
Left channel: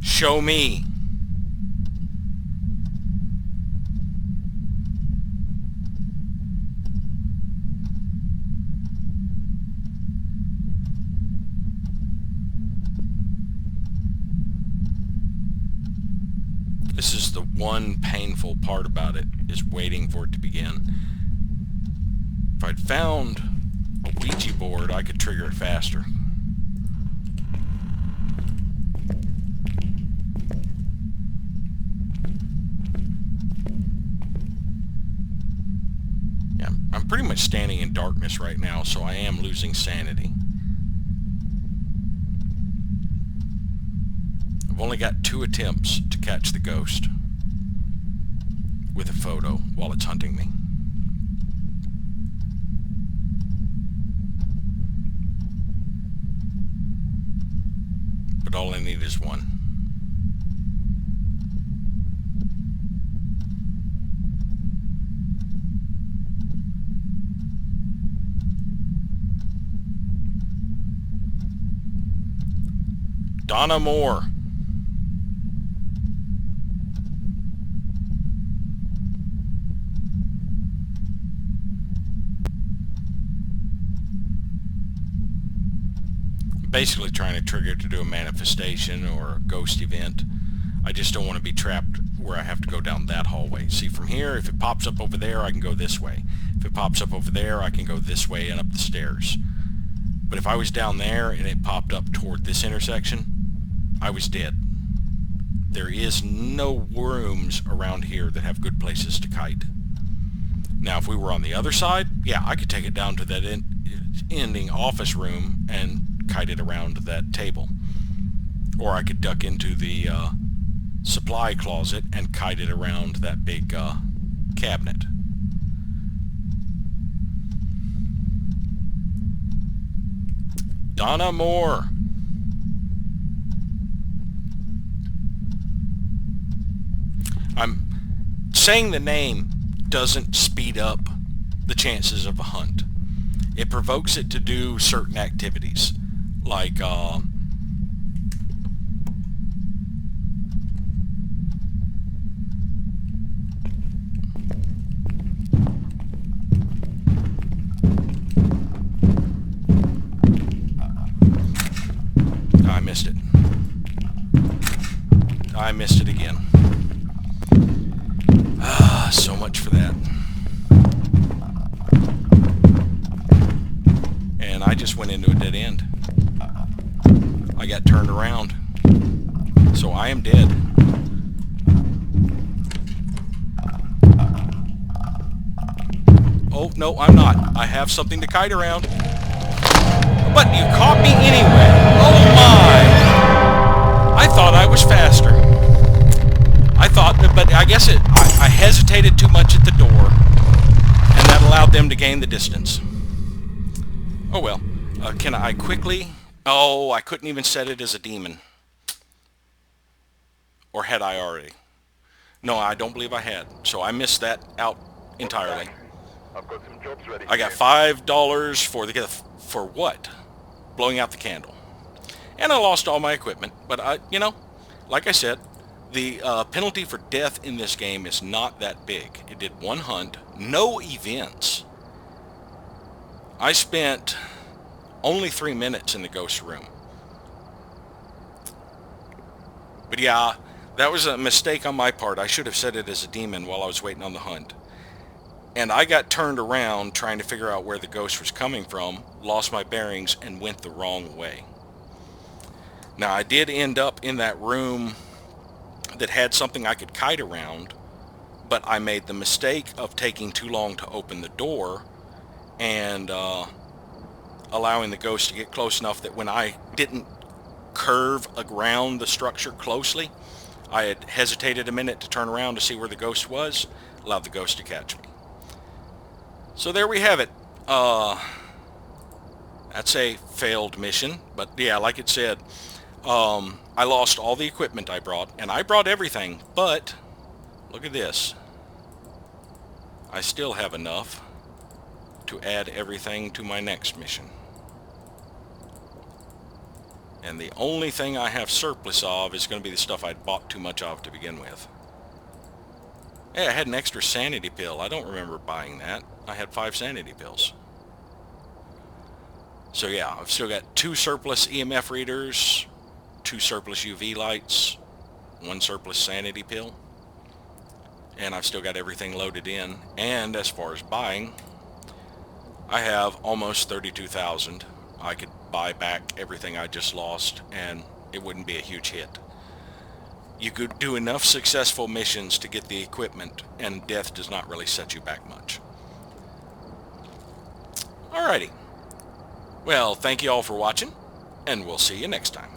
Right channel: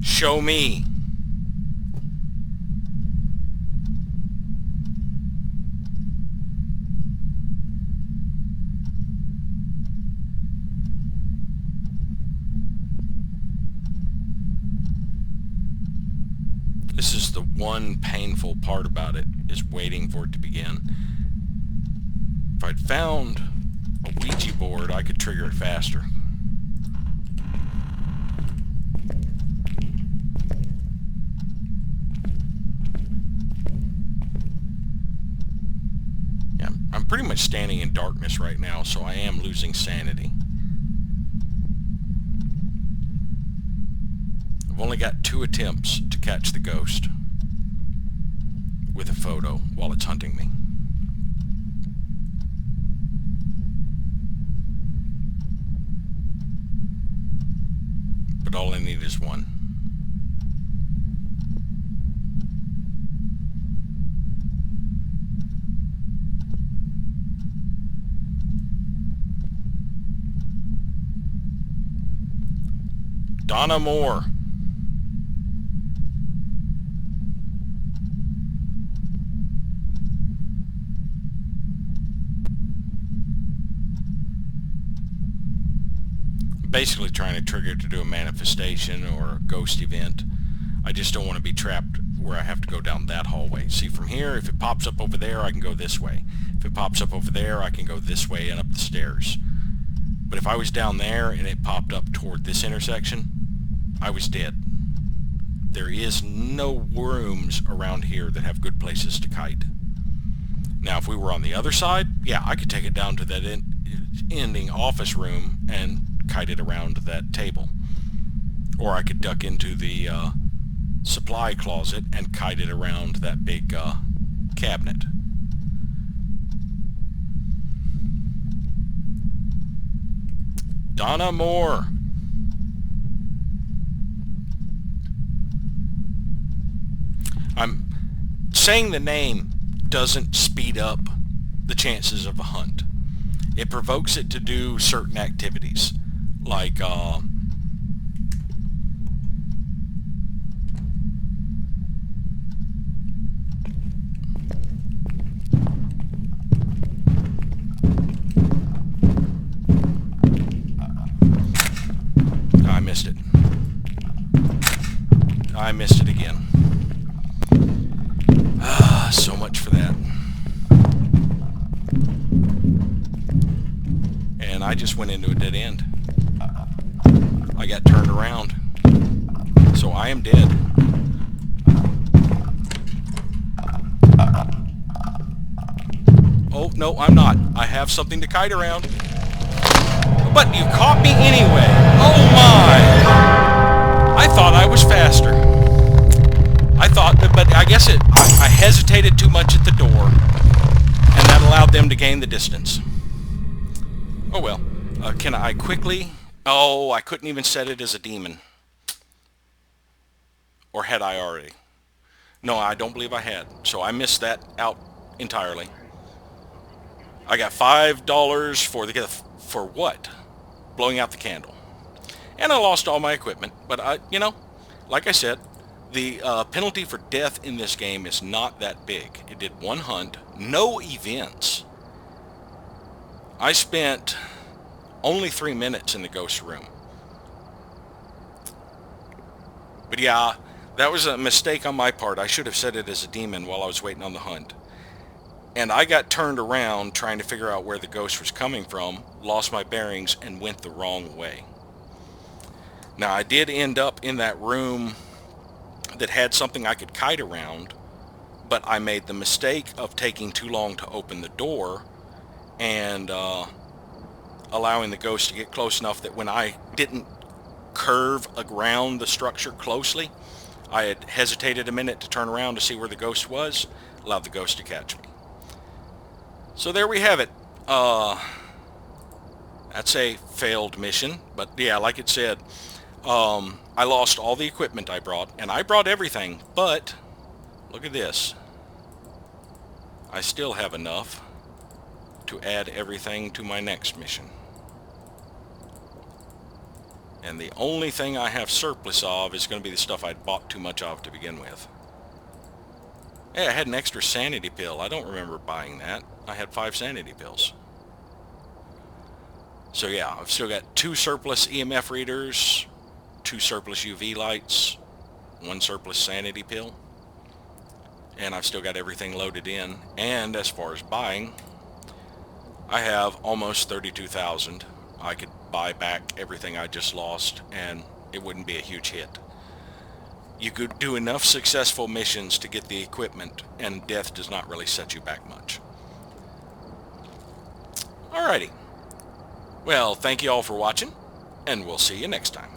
Show me. This is the one painful part about it, is waiting for it to begin. If I'd found a Ouija board, I could trigger it faster. Yeah, I'm pretty much standing in darkness right now, so I am losing sanity. I've only got 2 attempts to catch the ghost with a photo while it's hunting me. But all I need is 1. Donna Moore. Basically trying to trigger it to do a manifestation or a ghost event. I just don't want to be trapped where I have to go down that hallway. See, from here, if it pops up over there, I can go this way. If it pops up over there, I can go this way and up the stairs. But if I was down there and it popped up toward this intersection, I was dead. There is no rooms around here that have good places to kite. Now, if we were on the other side, yeah, I could take it down to that ending office room and kite it around that table. Or I could duck into the supply closet and kite it around that big cabinet. Donna Moore. I'm saying the name doesn't speed up the chances of a hunt. It provokes it to do certain activities, like I missed it. I missed it again. So much for that. And I just went into a dead end. I got turned around. So I am dead. Oh, no, I'm not. I have something to kite around. But you caught me anyway. Oh my! I thought I was faster. I thought, but I guess I hesitated too much at the door, and that allowed them to gain the distance. Oh well. Can I quickly... Oh, I couldn't even set it as a demon. Or had I already? No, I don't believe I had. So I missed that out entirely. I got $5 for the gift. For what? Blowing out the candle. And I lost all my equipment. But, you know, like I said, the penalty for death in this game is not that big. It did 1 hunt, no events. I spent only 3 minutes in the ghost room. But yeah, that was a mistake on my part. I should have set it as a demon while I was waiting on the hunt. And I got turned around trying to figure out where the ghost was coming from, lost my bearings, and went the wrong way. Now, I did end up in that room that had something I could kite around, but I made the mistake of taking too long to open the door and allowing the ghost to get close enough that when I didn't curve around the structure closely, I had hesitated a minute to turn around to see where the ghost was, allowed the ghost to catch me. So there we have it. That's a failed mission, but yeah, like it said, I lost all the equipment I brought, and I brought everything, but look at this. I still have enough to add everything to my next mission. And the only thing I have surplus of is going to be the stuff I'd bought too much of to begin with. Hey, I had an extra sanity pill. I don't remember buying that. I had 5 sanity pills. So yeah, I've still got 2 surplus EMF readers, 2 surplus UV lights, 1 surplus sanity pill, and I've still got everything loaded in. And as far as buying, I have almost 32,000. I could buy back everything I just lost and it wouldn't be a huge hit. You could do enough successful missions to get the equipment, and death does not really set you back much. Alrighty. Well, thank you all for watching, and we'll see you next time.